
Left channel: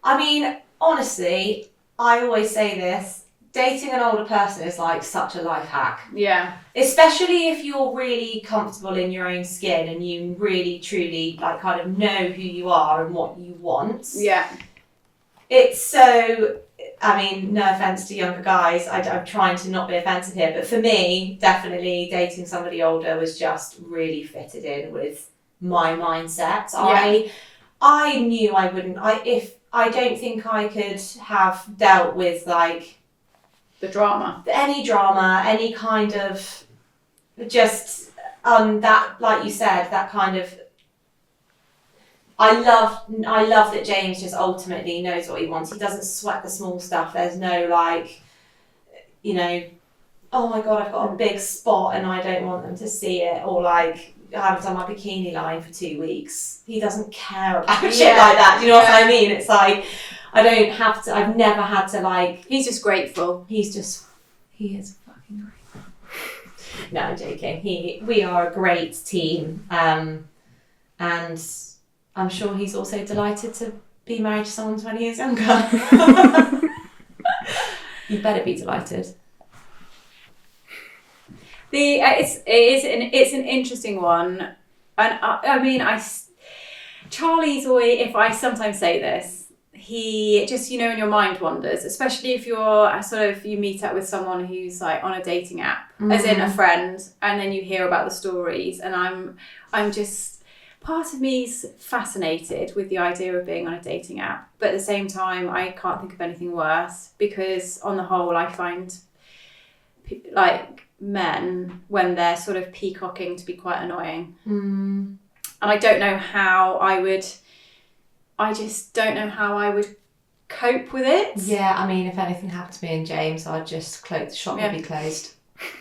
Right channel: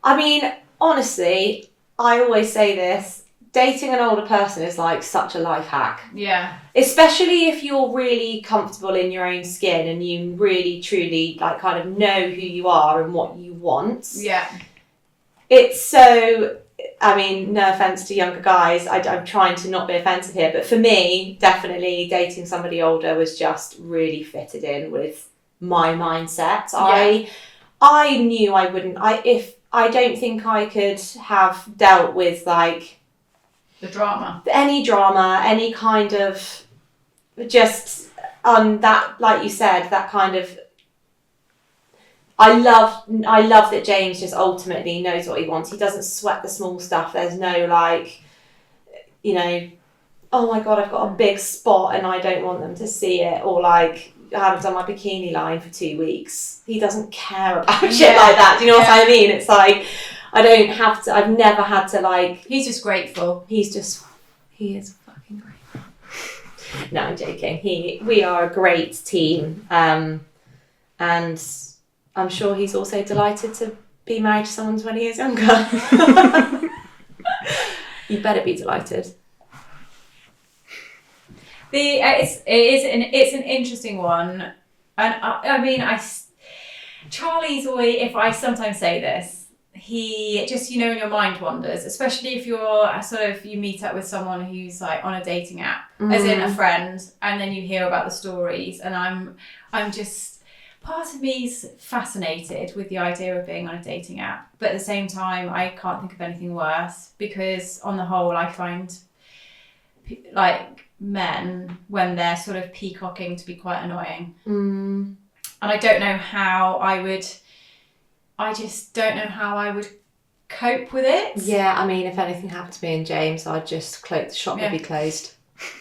I mean, honestly, I always say this, dating an older person is like such a life hack. Yeah. Especially if you're really comfortable in your own skin and you really, truly like kind of know who you are and what you want. Yeah. It's so... I mean, no offence to younger guys, I'm trying to not be offensive here, but for me, definitely dating somebody older was just really fitted in with my mindset. Yeah. I knew I wouldn't, I don't think I could have dealt with like... the drama. Any drama, any kind of just that, like you said, that kind of... I love that James just ultimately knows what he wants. He doesn't sweat the small stuff. There's no like, oh my God, I've got a big spot and I don't want them to see it, or like, I haven't done my bikini line for 2 weeks. He doesn't care about shit like that. Do you know what I mean? It's like, I've never had to like... He's just grateful. He is fucking grateful. No, I'm joking. We are a great team. And I'm sure he's also delighted to be married to someone 20 years younger. You better be delighted. It's an interesting one, and Charlie's always, if I sometimes say this, he just, in your mind wanders, especially if you're you meet up with someone who's like on a dating app, as in a friend, and then you hear about the stories, and I'm just, part of me's fascinated with the idea of being on a dating app, but at the same time, I can't think of anything worse, because on the whole, I find like men, when they're sort of peacocking, to be quite annoying. And I don't know how I just don't know how I would cope with it. Yeah, I mean, if anything happened to me and James, I'd just the shop would be closed.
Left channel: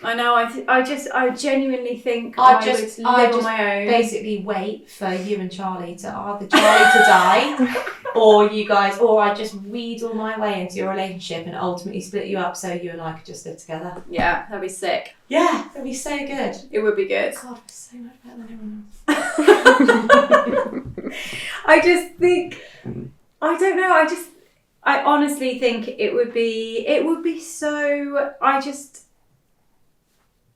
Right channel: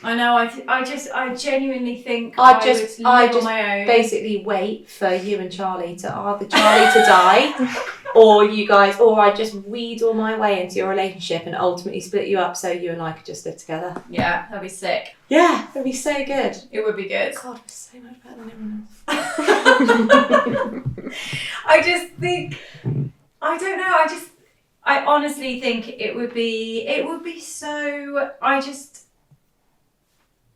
I know. I genuinely think I would just live on my own. basically wait for you and Charlie to either Charlie to die, or you guys, or I just wheedle my way into your relationship and ultimately split you up so you and I could just live together. Yeah, that'd be sick. Yeah, that'd be so good. It would be good. God, we're so much better than everyone else. I just think, I don't know. I honestly think it would be so.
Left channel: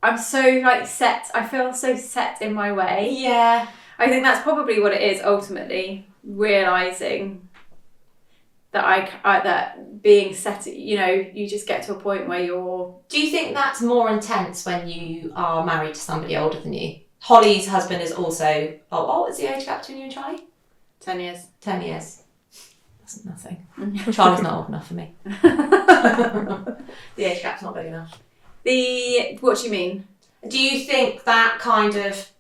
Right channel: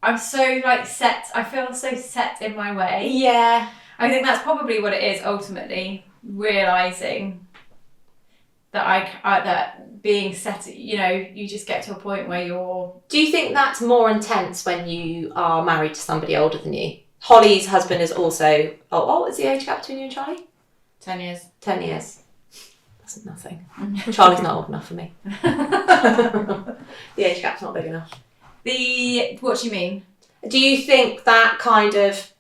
I'm so like set. I feel so set in my way. Yeah. I think that's probably what it is ultimately, realizing that that being set, you just get to a point where you're. Do you think that's more intense when you are married to somebody older than you? Holly's husband is also. Oh, what's the age gap between you and Charlie? 10 years. 10 years. That's nothing. Charlie's not old enough for me. The age gap's not big enough. What do you mean? Do you think that kind of,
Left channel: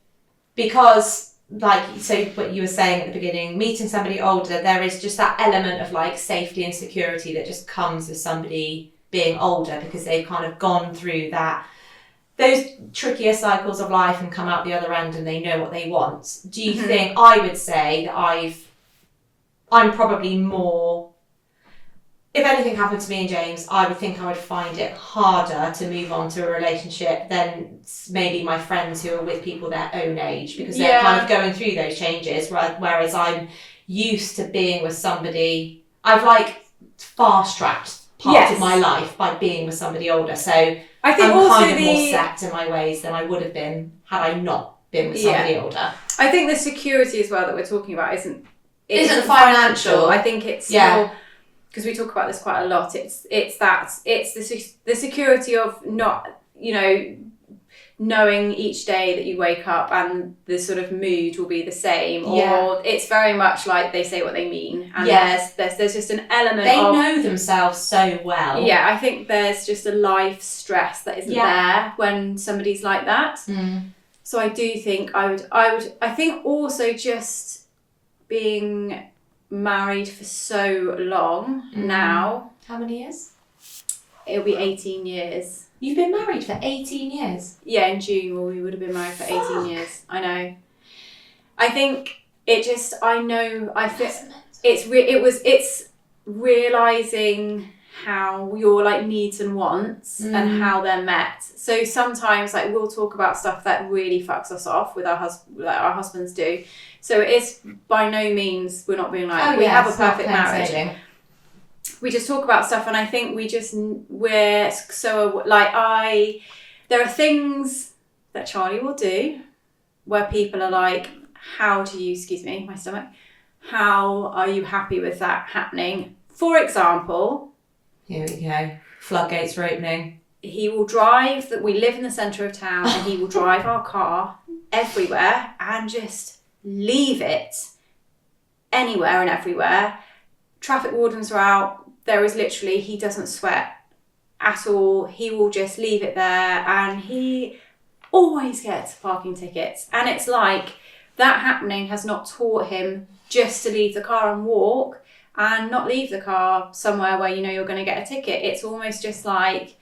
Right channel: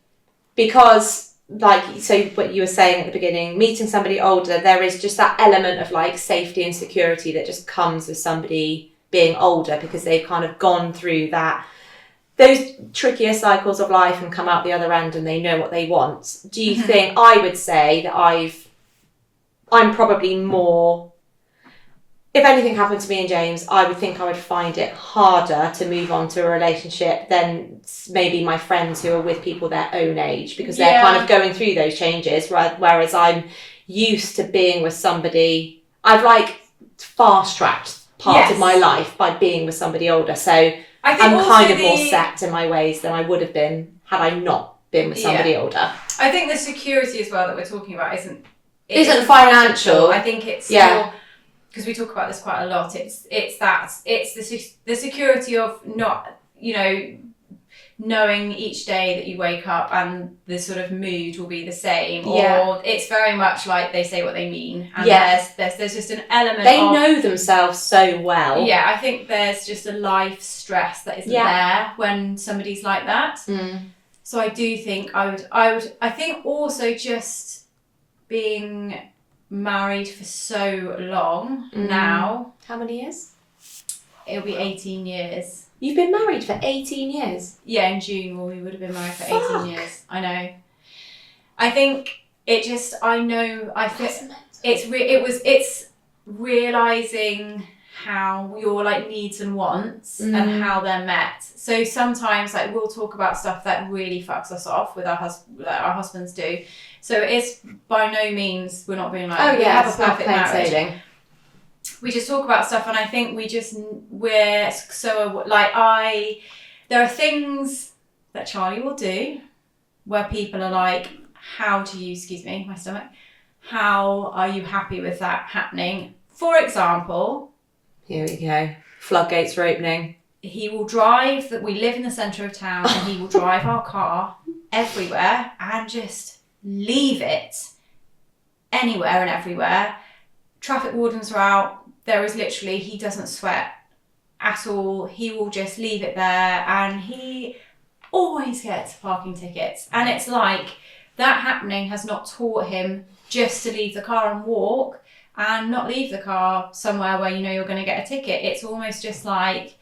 because like, so what you were saying at the beginning, meeting somebody older, there is just that element of like safety and security that just comes with somebody being older because they've kind of gone through those trickier cycles of life and come out the other end and they know what they want. Do you think, I would say that I'm probably more, if anything happened to me and James, I would think I would find it harder to move on to a relationship than maybe my friends who are with people their own age, because they're kind of going through those changes, right? Whereas I'm used to being with somebody, I've like fast-tracked part of my life by being with somebody older. So I think I'm kind of more set in my ways than I would have been had I not been with somebody older. I think the security as well that we're talking about isn't financial. I think it's still, because we talk about this quite a lot. It's the security of not, knowing each day that you wake up and the sort of mood will be the same, or it's very much like they say what they mean, and there's just an element they know themselves so well. I think there's just a life stress that isn't there when somebody's like that. So I do think I think also just being married for so long now. How many years? It'll be 18 years. You've been married for 18 years? Yeah, in June we would have been married for 18 years. I know. I think it just, it's realising how your like needs and wants and how they're met. So sometimes like we'll talk about stuff that really fucks us off with our husbands do. So it's by no means, we're not being like, we have a perfect marriage. We just talk about stuff, and I think we're so like there are things that Charlie will do where people are like, how are you happy with that happening? For example, here we go, floodgates are opening. He will drive, that we live in the centre of town, and he will drive our car everywhere and just leave it anywhere and everywhere. Traffic wardens are out. There is literally, he doesn't sweat at all. He will just leave it there, and he always gets parking tickets. And it's like that happening has not taught him just to leave the car and walk and not leave the car somewhere where you're going to get a ticket. It's almost just like,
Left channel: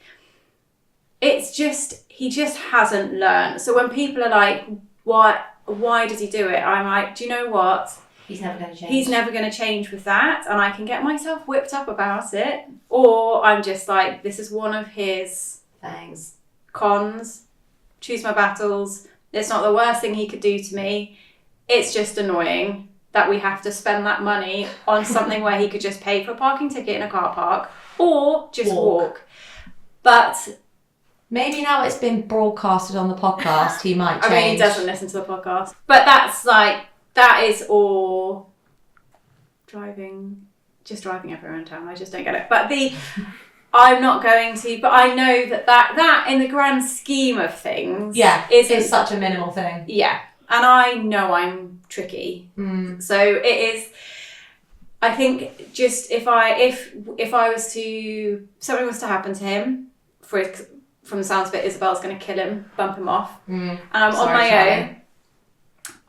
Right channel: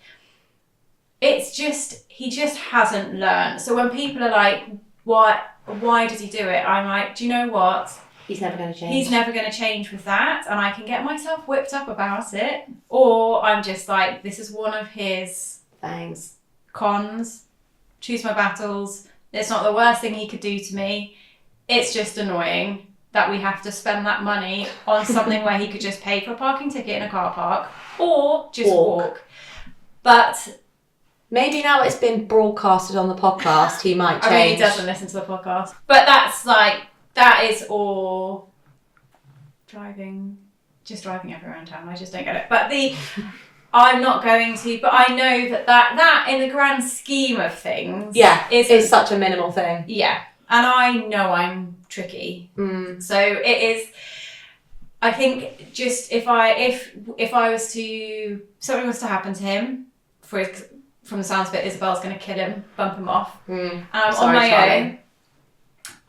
he just hasn't learned. So when people are like, why does he do it? I'm like, do you know what? He's never going to change. He's never going to change with that, and I can get myself whipped up about it, or I'm just like, this is one of his cons. Choose my battles. It's not the worst thing he could do to me. It's just annoying that we have to spend that money on something where he could just pay for a parking ticket in a car park or just walk. But maybe now it's been broadcasted on the podcast, he might change. I mean, he doesn't listen to the podcast. But that is all driving everywhere in town. I just don't get it. But I'm not going to, but I know that in the grand scheme of things, is such a minimal thing. Yeah. And I know I'm tricky. So it is, I think just if something was to happen to him, from the sounds of it, Isabel's going to kill him, bump him off. And I'm on my own.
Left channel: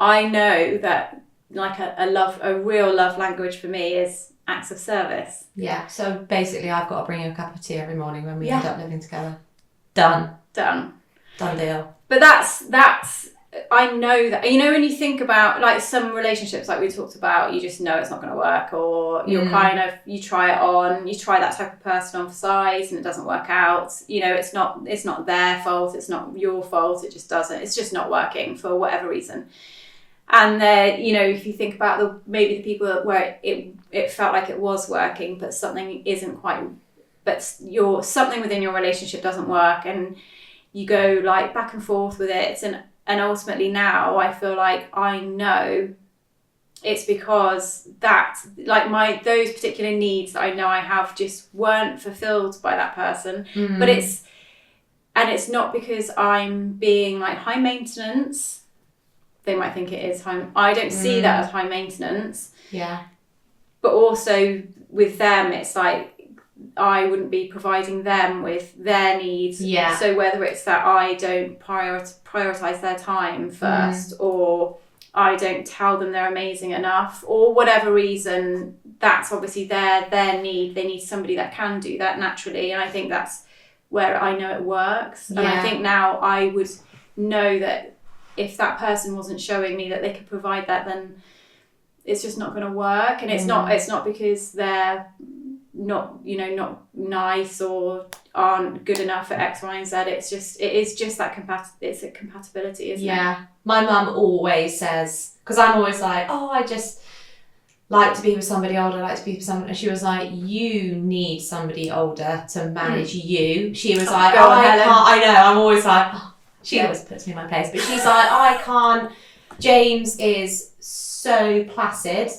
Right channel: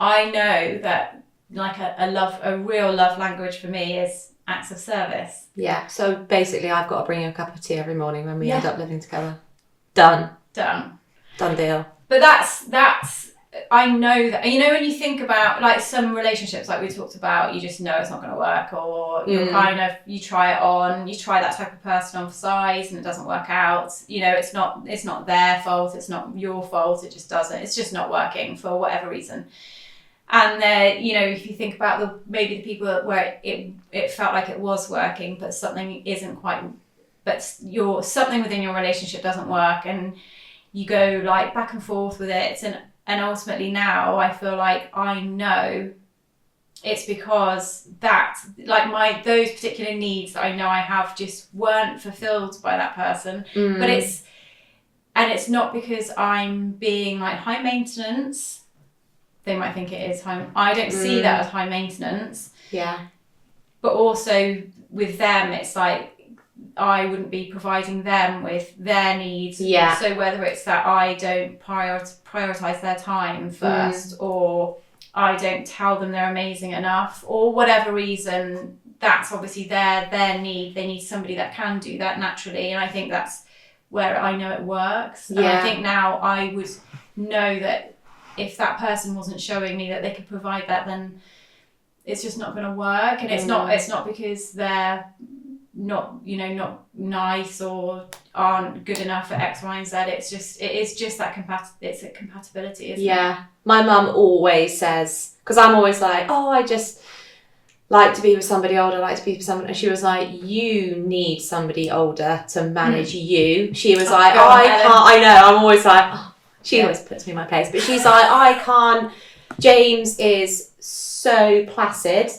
I know that like a real love language for me is acts of service. Yeah. So basically I've got to bring you a cup of tea every morning when we end up living together. Done. done deal. But that's I know that, you know, when you think about like some relationships like we talked about, you just know it's not going to work, or you're kind of, you try it on, you try that type of person on for size and it doesn't work out. You know, it's not their fault, it's not your fault, it just doesn't, it's just not working for whatever reason. And then, you know, if you think about maybe the people where it felt like it was working, but something isn't quite, but something within your relationship doesn't work, and you go like back and forth with it, and ultimately now I feel like I know it's because that, like those particular needs that I know I have just weren't fulfilled by that person. But it's not because I'm being like high maintenance. They might think it is high. I don't see that as high maintenance. Yeah. But also with them, it's like I wouldn't be providing them with their needs. Yeah. So whether it's that I don't prioritize their time first, or I don't tell them they're amazing enough, or whatever reason, that's obviously their need. They need somebody that can do that naturally. And I think that's where I know it works. And I think now I would know that if that person wasn't showing me that they could provide that, then it's just not going to work. And it's not because they're not nice or aren't good enough at X, Y, and Z. It is just that it's a compatibility, isn't it? Yeah. My mum always says, because I'm always like, oh, I just like to be with somebody older, like to be with someone, and she was like, you need somebody older to manage you. She was like, oh, I can't. I know, I'm always like, oh. She always puts me in my place, but she's like, I can't. James is so placid.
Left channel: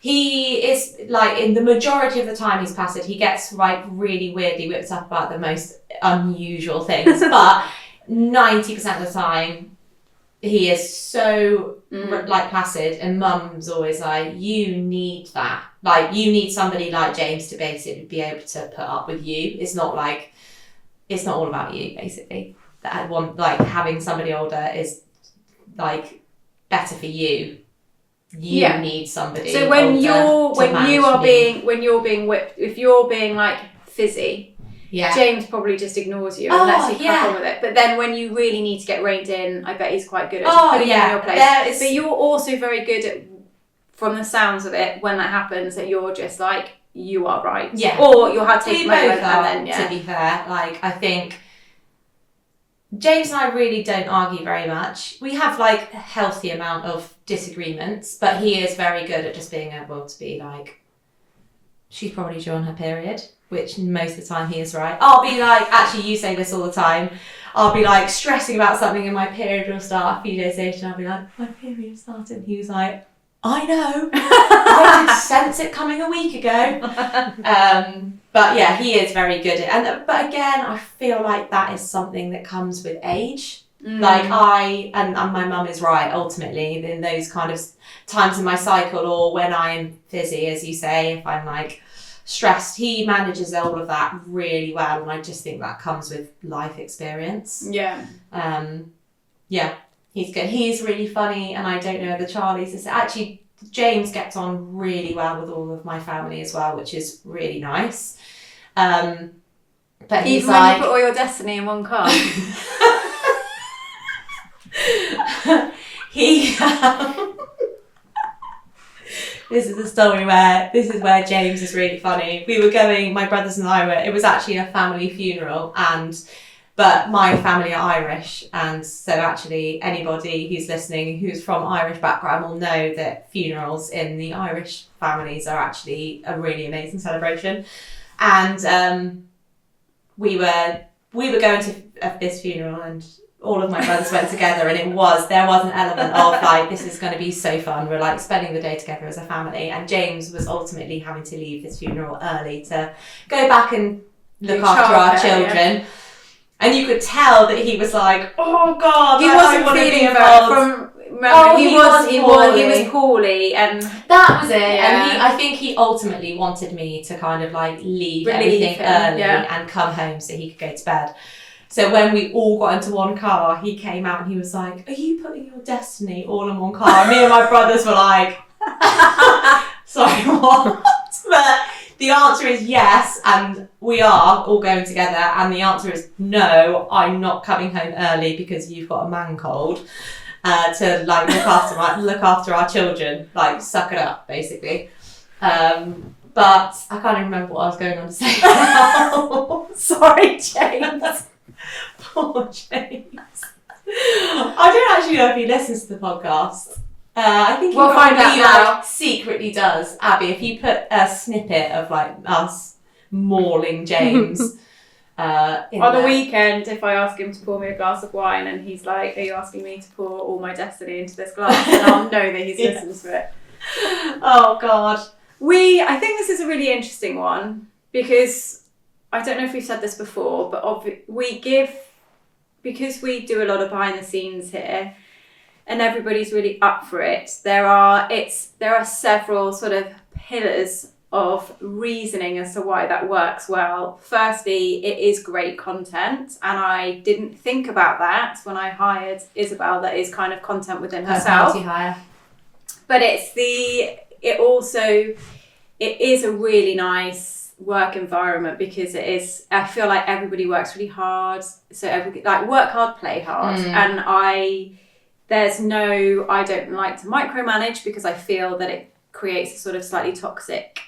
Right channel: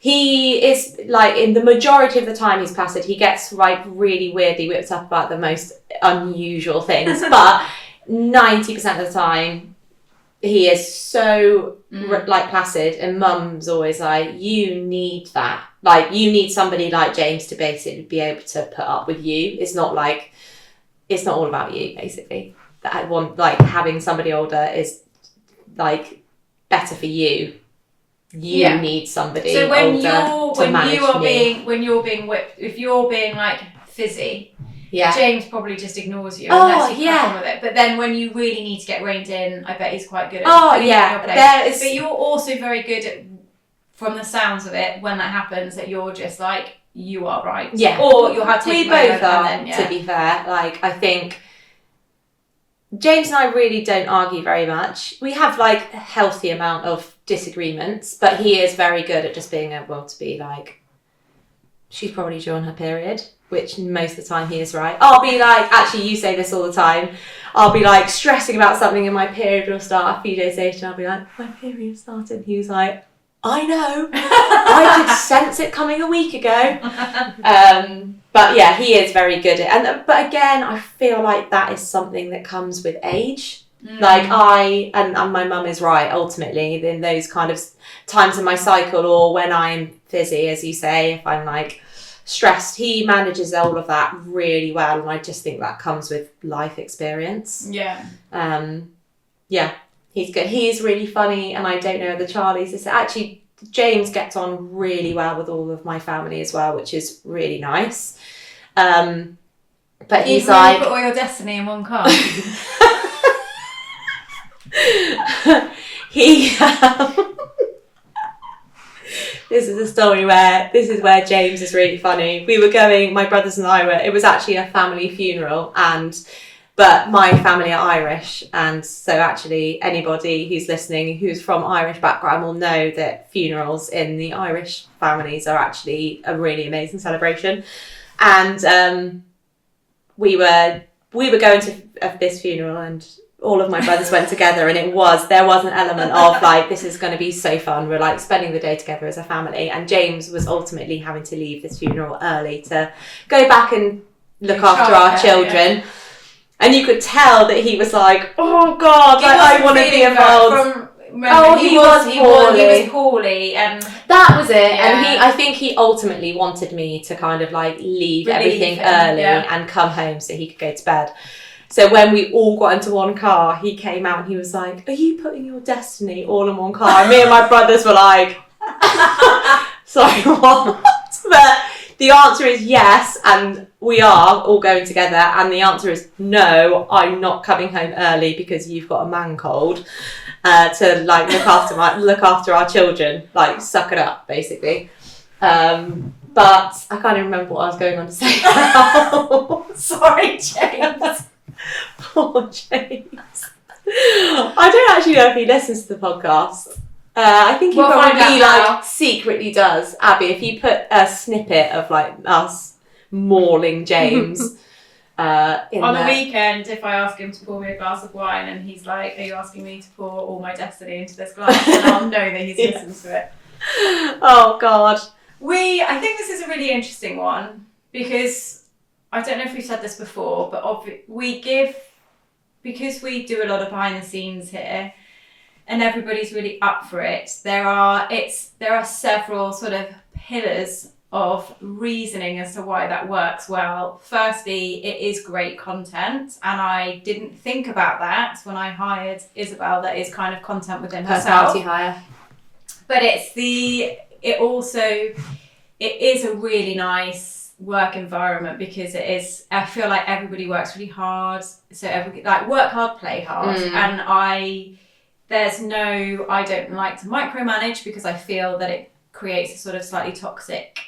He is like, in the majority of the time he's placid. He gets like really weirdly whipped up about the most unusual things, but 90% of the time he is so like placid. And mum's always like, you need that. Like, you need somebody like James to basically be able to put up with you. It's not all about you, basically. That I want, like, having somebody older is like better for you. You need somebody. So when you're being whipped, if you're being like fizzy, James probably just ignores you and lets you crack on with it. But then when you really need to get reined in, I bet he's quite good at putting you in your place. But you're also very good at, from the sounds of it, when that happens, that you're just like, you are right. Yeah. Or you'll have to take we both are, to be fair. Like, I think James and I really don't argue very much. We have like a healthy amount of disagreements, but he is very good at just being able to be like, she's probably due on her period, which most of the time he is right. I'll be like, actually you say this all the time, I'll be like stressing about something and my period will start a few days later and I'll be like, my period started. He was like, I know, I could sense it coming a week ago. But yeah, he is very good at, but again, I feel like that is something that comes with age. Like and my mum is right, ultimately, in those kind of times in my cycle, or when I'm fizzy, as you say, if I'm like stressed, he manages all of that really well, and I just think that comes with life experience. Yeah, he's good. He's really funny, and I don't know the Charlies. It's actually, James gets on really well with all of my family as well, which is really nice. But he's like, you put all your destiny in one car. This is a story where James is really funny. We were going, my brothers and I it was actually a family funeral, but my family are Irish, and so actually anybody who's listening who's from Irish background will know that funerals in the Irish families are actually a really amazing celebration. And we were going to this funeral, and all of my brothers went together, and there was an element of like, this is going to be so fun. We're like spending the day together as a family, and James was ultimately having to leave this funeral early to go back and look after our children. Yeah. And you could tell that he was like, oh God, I want to be involved. He was poorly, and that was it. Yeah. And I think he ultimately wanted me to kind of like leave everything early and come home so he could go to bed. So when we all got into one car, he came out and he was like, are you putting your destiny all in one car? And me and my brothers were like, sorry, what? But the answer is yes, and we are all going together, and the answer is no, I'm not coming home early because you've got a man cold. To like look after our children, like suck it up, basically. But I can't even remember what I was going on to say now. Sorry, James. Poor James. I don't actually know if he listens to the podcast. I think he probably like secretly does. Abby, if you put a snippet of like us mauling James on the weekend, if I ask him to pour me a glass of wine and he's like, are you asking me to pour all my destiny into this glass? And I'll know that he's listened to it. Oh God. I think this is a really interesting one because I don't know if we've said this before, but because we do a lot of behind the scenes here and everybody's really up for it, there are several sort of pillars of reasoning as to why that works well. Firstly, it is great content, and I didn't think about that when I hired Isabel. That is kind of content within herself. Personality hire. But it is a really nice work environment because I feel like everybody works really hard. So work hard, play hard. And I don't like to micromanage because I feel that it creates a sort of slightly toxic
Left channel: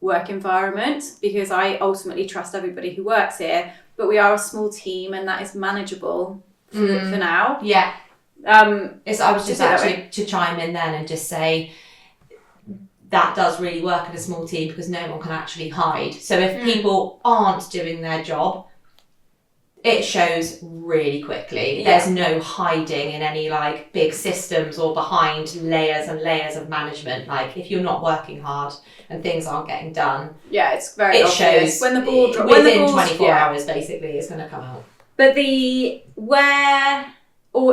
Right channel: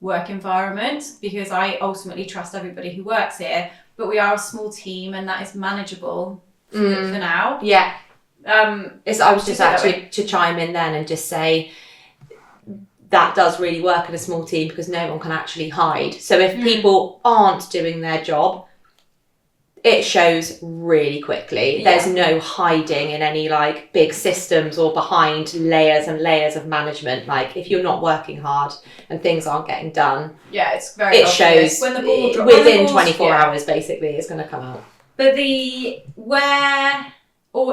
work environment because I ultimately trust everybody who works here, but we are a small team and that is manageable for now. Yeah. I was just actually to chime in then and just say that does really work in a small team because no one can actually hide. So if people aren't doing their job, it shows really quickly. Yeah. There's no hiding in any like big systems or behind layers and layers of management. Like if you're not working hard and things aren't getting done, it's very obvious. Shows when the ball within 24 hours basically it's going to come out. But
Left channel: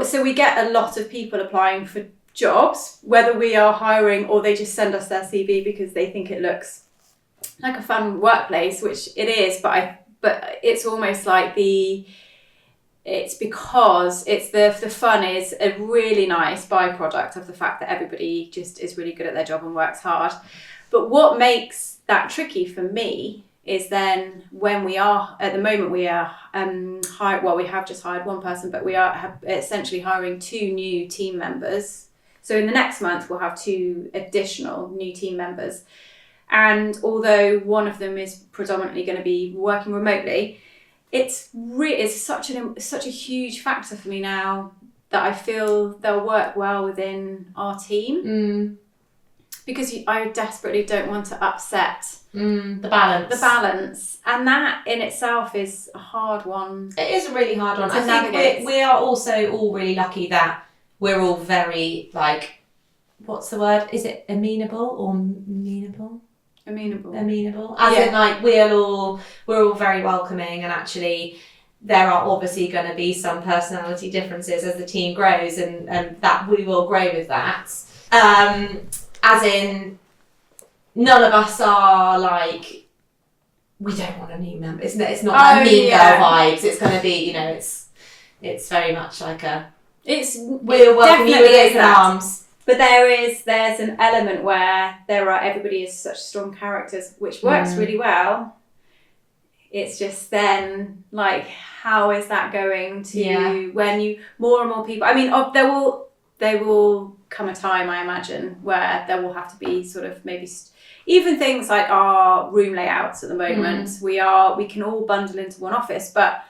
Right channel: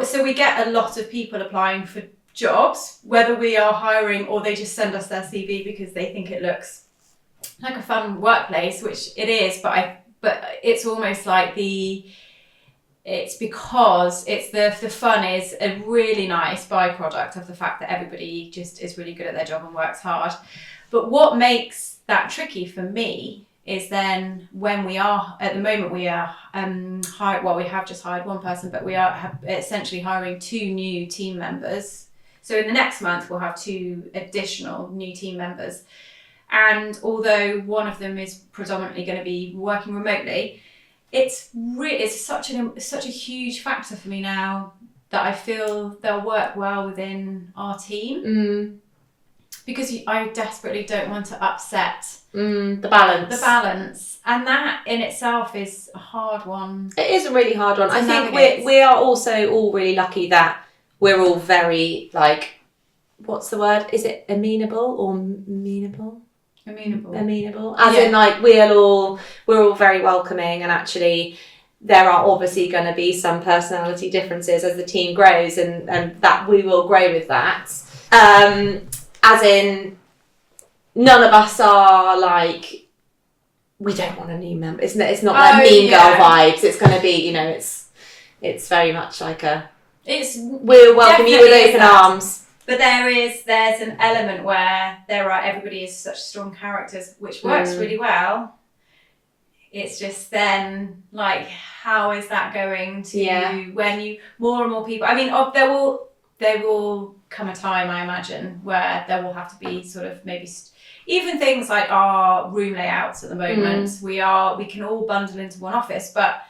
so we get a lot of people applying for jobs, whether we are hiring or they just send us their CV because they think it looks like a fun workplace, which it is, but it's almost like it's because it's the fun is a really nice byproduct of the fact that everybody just is really good at their job and works hard. But what makes that tricky for me is then when we are, at the moment we are we have just hired one person, but we have essentially hiring 2 new team members. So in the next month we'll have 2 additional new team members. And although one of them is predominantly going to be working remotely, it's such a huge factor for me now that I feel they'll work well within our team. Because I desperately don't want to upset the balance. And that in itself is a hard one. It is a really hard one. I think we are also all really lucky that we're all very like, what's the word? Is it amenable or amenable? Amenable. As in like we're all very welcoming, and actually there are obviously going to be some personality differences as the team grows, and that we will grow with that. As in, none of us are like, we don't want a new member. It's not like mean girl vibes. It's going to be, it's very much like we'll welcome you with open arms. But there's an element where everybody is such strong characters, which works really well. It's just then like, how is that going to when more and more people? I mean, there will come a time, I imagine, where there will have to be sort of maybe even things like our room layouts at the moment. We can all bundle into one office, but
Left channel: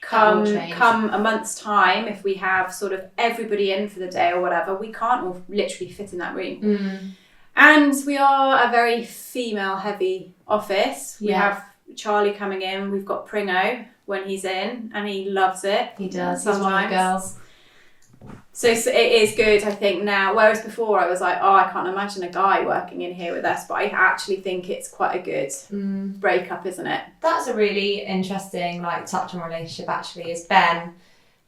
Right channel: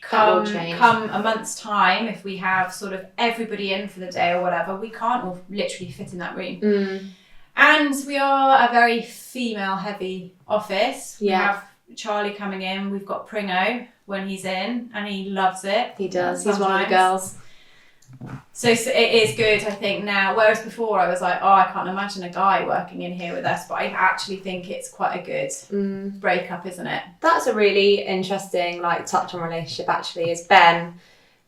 come a month's time, if we have sort of everybody in for the day or whatever, we can't all literally fit in that room. And we are a very female heavy office. We have Charlie coming in, we've got Pringo when he's in, and he loves it. He does. He's one of the girls. So it is good, I think, now. Whereas before I was like, I can't imagine a guy working in here with us. But I actually think it's quite a good breakup, isn't it? That's a really interesting touch on relationship, actually, is Ben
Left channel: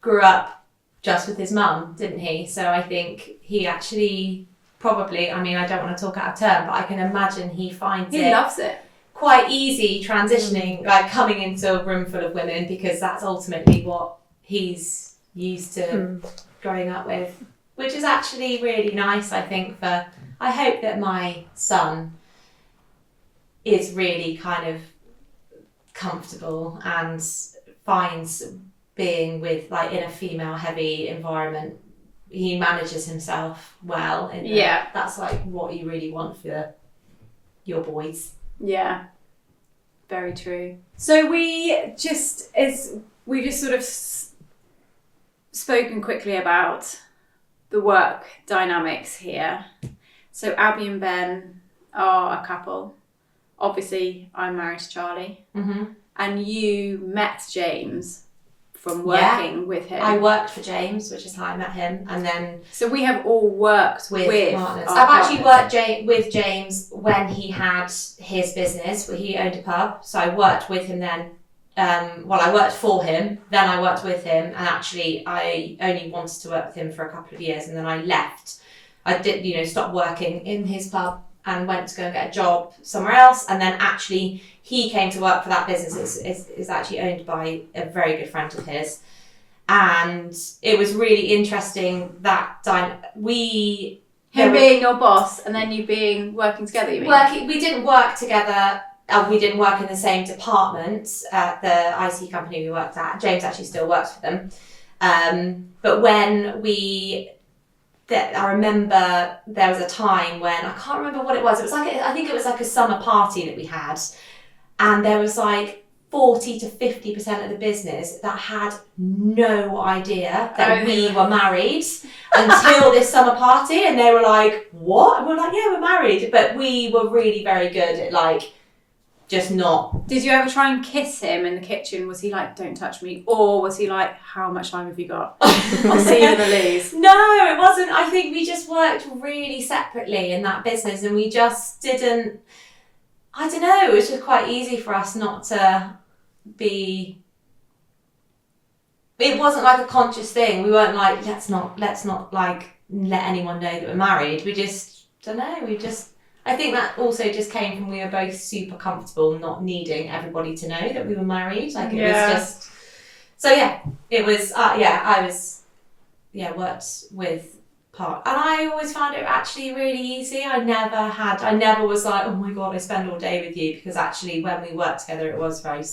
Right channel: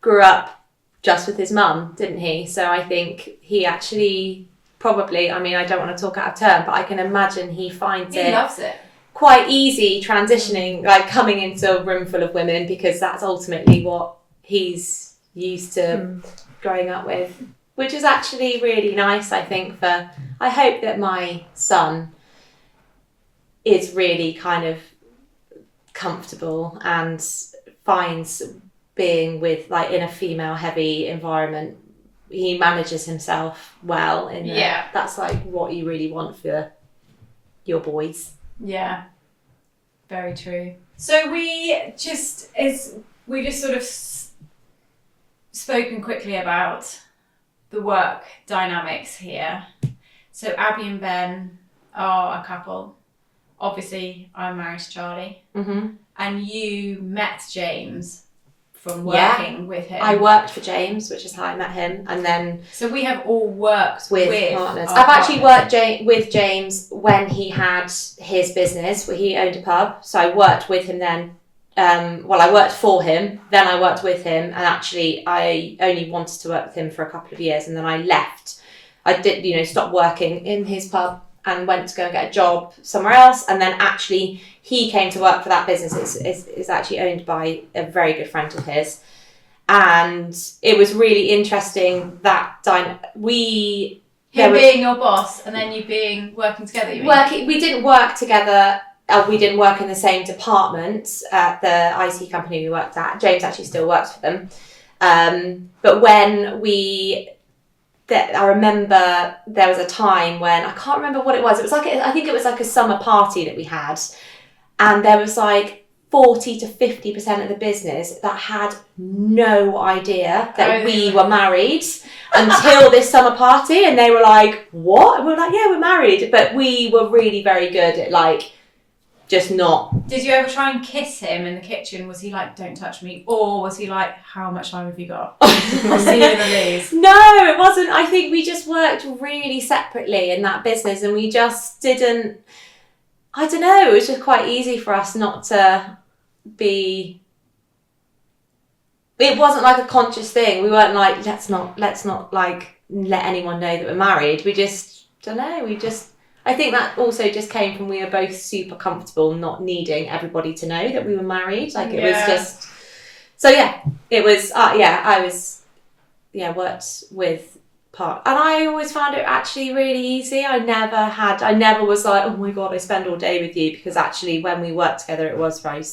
grew up just with his mum, didn't he? So I think he actually probably, I don't want to talk out of turn, but I can imagine he loves it quite easy transitioning, coming into a room full of women, because that's ultimately what he's used to growing up with, which is actually really nice. I hope that my son is really kind of comfortable and finds being with like in a female heavy environment, he manages himself well in there. That's like what you really want for your boys. Yeah, very true. So we just sort of spoken quickly about the work dynamics here. So Abby and Ben are a couple. Obviously, I'm married to Charlie. Mm-hmm. And you met James from working with him. I worked for James, which is how I met him. And then... So we have all worked with partners. I've actually worked with James when he had his business, where he owned a pub. So I worked with him then. I worked for him, then I worked with him, and actually I only wanted to work with him for a couple of years, and then I left. I did, stop working in his pub and went to go and get a job somewhere else, and then actually he came to work for that business. It's actually owned by a very good friend of his, and it was really interesting that him being your boss and then you being working together. You mean? We didn't work together. We didn't work in the same department at the IT company we worked at. James actually still works for them. But when I remember there was a time when, I can't remember what it was. It was I think it was like a summer party that we had. And there was like 40 to 50% of the business that had no idea that we were married until this summer party. And they were like, what? And we were like, yeah, we're married. But we were really very good at like, just not. Did you ever try and kiss him in the kitchen? Was he like, don't touch me? Or was he like, how much time have you got? I'll see you in the Lees. No, it wasn't. I think we just worked really separately in that business, and we just didn't, I don't know, it was just quite easy for us not to be, it wasn't like a conscious thing. We weren't like, let's not like let anyone know that we're married. We just, I think that also just came from we were both super comfortable not needing everybody to know that we were married. Like it was just... So it was... I was... worked with part... And I always found it actually really easy. I never was like, oh my God, I spend all day with you. Because actually when we worked together, it was very,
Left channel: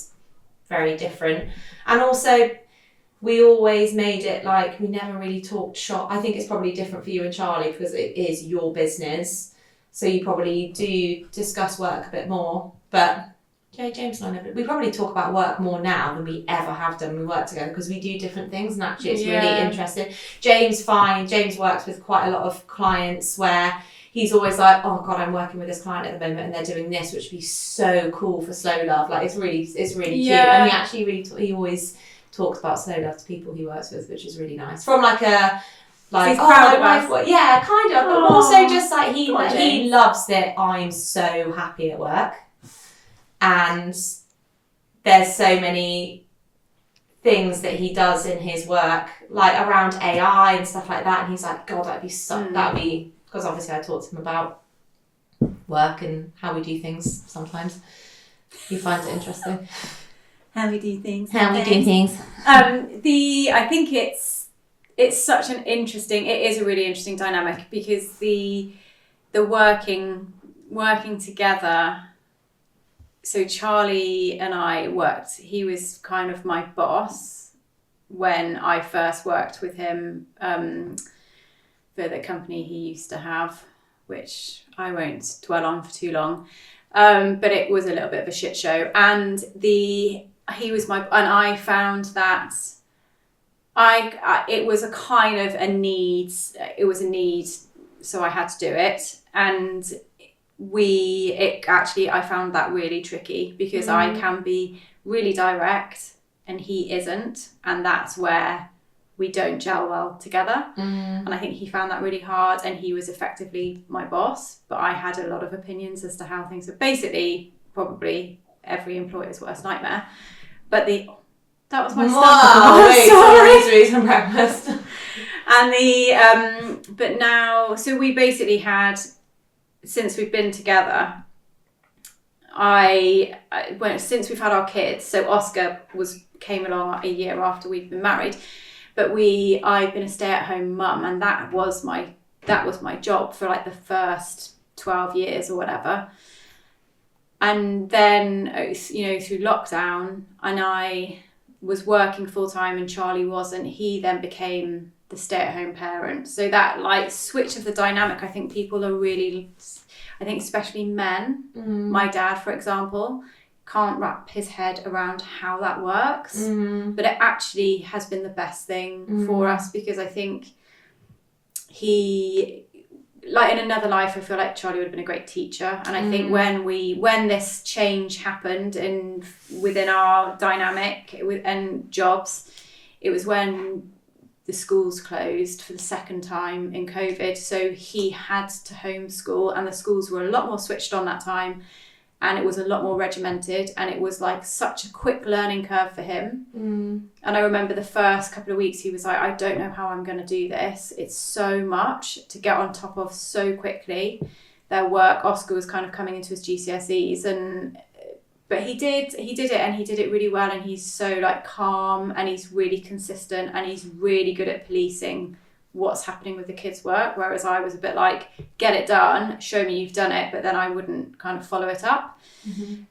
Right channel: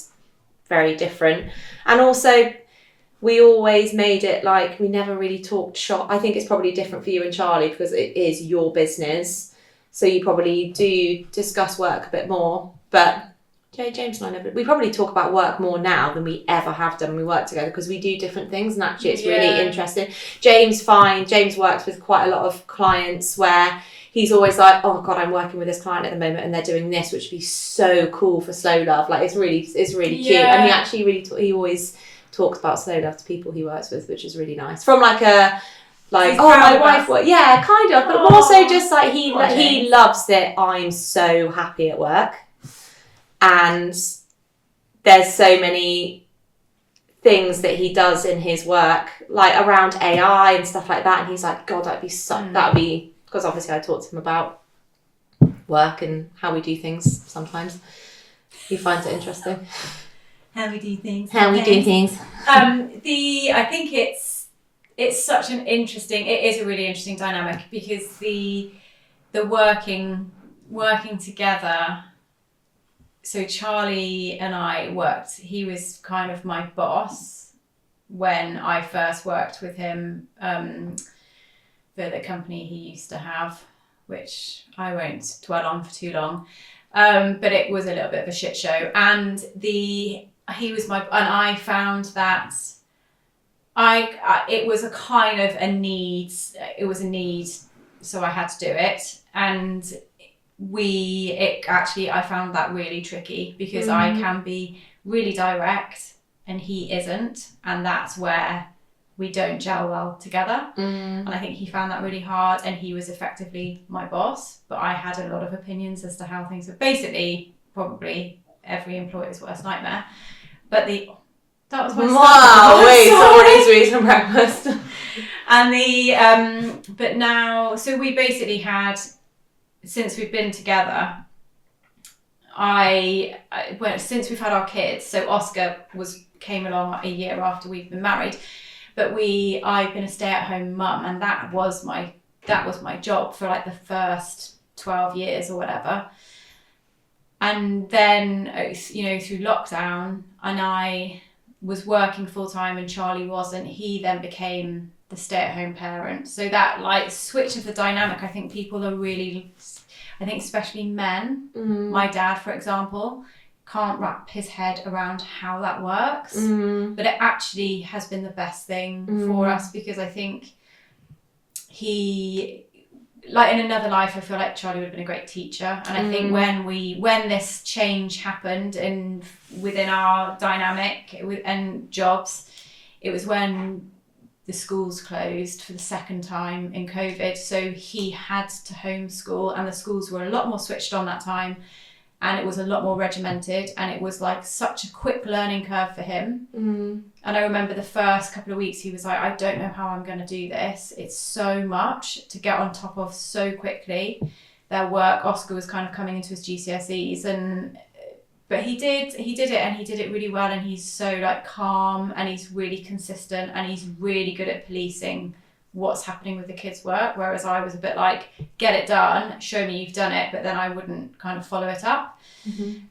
very different. And also... we always made it like we never really talked shop. I think it's probably different for you and Charlie because it is your business. So you probably do discuss work a bit more. But James and I we probably talk about work more now than we ever have done when we work together because we do different things and actually it's really interesting. James works with quite a lot of clients where he's always like, oh God, I'm working with this client at the moment and they're doing this, which would be so cool for Slow Love. Like it's really cute. And he actually he always talks about Slow Love to people he works with, which is really nice. From like a like, oh, my wife works. Yeah, kind of. But also just like he loves that I'm so happy at work. And there's so many things that he does in his work, like around AI and stuff like that. And he's like, God, that'd be because obviously I talk to him about work and how we do things sometimes. He finds it interesting. How we do things. I think it's such an interesting, it is a really interesting dynamic because the working together. So Charlie and I worked, he was kind of my boss when I first worked with him for the company he used to have, which I won't dwell on for too long. But it was a little bit of a shit show. And I found that it was a kind of a need. It was a need, so I had to do it. And I found that really tricky because I can be really direct and he isn't. And that's where we don't gel well together. And I think he found that really hard and he was effectively my boss, but I had a lot of opinions as to how things were. Basically, probably every employer's worst nightmare. But that was my sorry, some breakfast. And but now, so we basically had, since we've been together, since we've had our kids, so Oscar came along a year after we've been married, but I've been a stay-at-home mum, and that was my job for like the first 12 years or whatever. And then, through lockdown, and I was working full time and Charlie wasn't, he then became the stay-at-home parent. So that like switch of the dynamic, I think people are really, I think especially men, my dad, for example, can't wrap his head around how that works. But it actually has been the best thing for us, because I think he, like in another life, I feel like Charlie would have been a great teacher. And I think when this change happened within our dynamic and jobs, it was when the schools closed for the second time in COVID. So he had to homeschool, and the schools were a lot more switched on that time. And it was a lot more regimented, and it was like such a quick learning curve for him. And I remember the first couple of weeks he was like, I don't know how I'm going to do this. It's so much to get on top of so quickly. Their work, Oscar was kind of coming into his GCSEs, but he did it, and he did it really well. And he's so like calm, and he's really consistent, and he's really good at policing what's happening with the kids' work, whereas I was a bit like, get it done, show me you've done it, but then I wouldn't kind of follow it up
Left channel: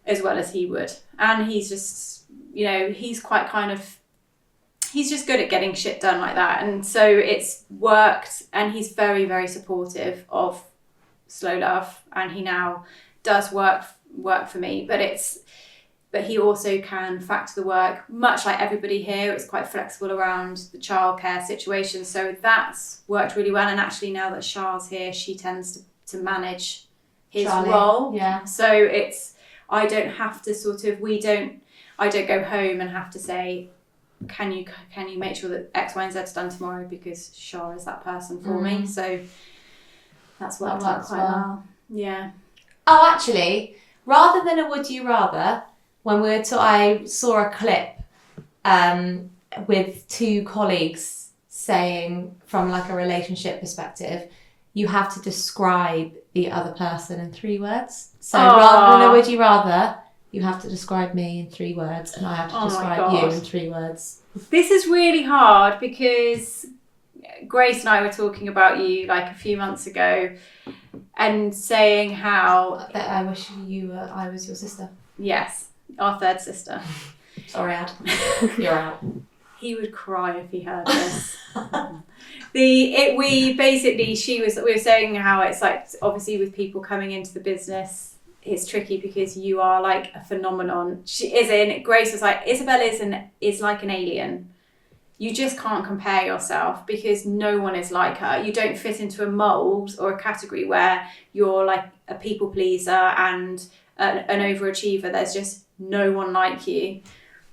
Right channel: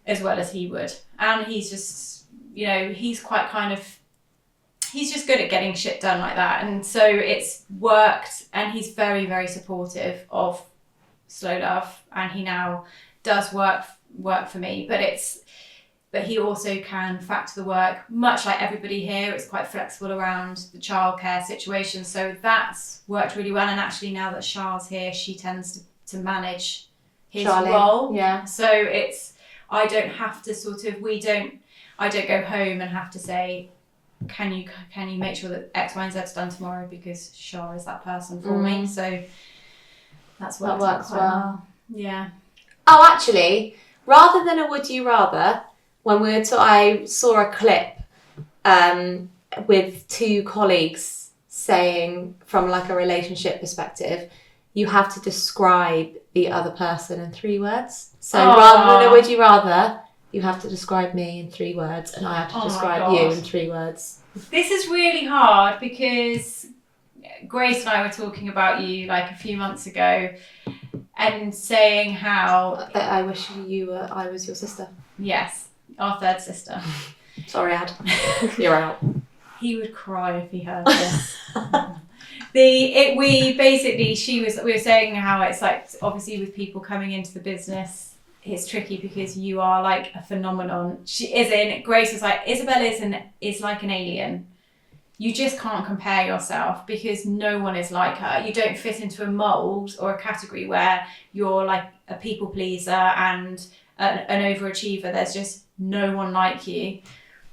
as well as he would. And he's just, he's quite kind of, he's just good at getting shit done like that. And so it's worked, and he's very, very supportive of Slow Love, and he now does work for me, but he also can factor the work, much like everybody here. It's quite flexible around the childcare situation. So that's worked really well. And actually now that Char's here, she tends to manage his role. Yeah. So I don't have to I don't go home and have to say, can you make sure that X, Y, and Z is done tomorrow, because Char is that person for me. So that's worked out quite well. Yeah. Oh, actually, rather than a would you rather, I saw a clip with two colleagues saying, from like a relationship perspective, you have to describe the other person in 3 words. So rather than a would you rather, you have to describe me in 3 words, and I have to describe you in 3 words. This is really hard, because Grace and I were talking about you like a few months ago, and saying how that I wish I was your sister. Yes. Our third sister. Sorry, Ad. You're out. He would cry if he heard this. We were saying how it's like, obviously with people coming into the business, it's tricky because you are like a phenomenon. Grace was like, Isabel is like an alien. You just can't compare yourself, because no one is like her. You don't fit into a mold or a category where you're like a people pleaser and an overachiever. There's just no one like you.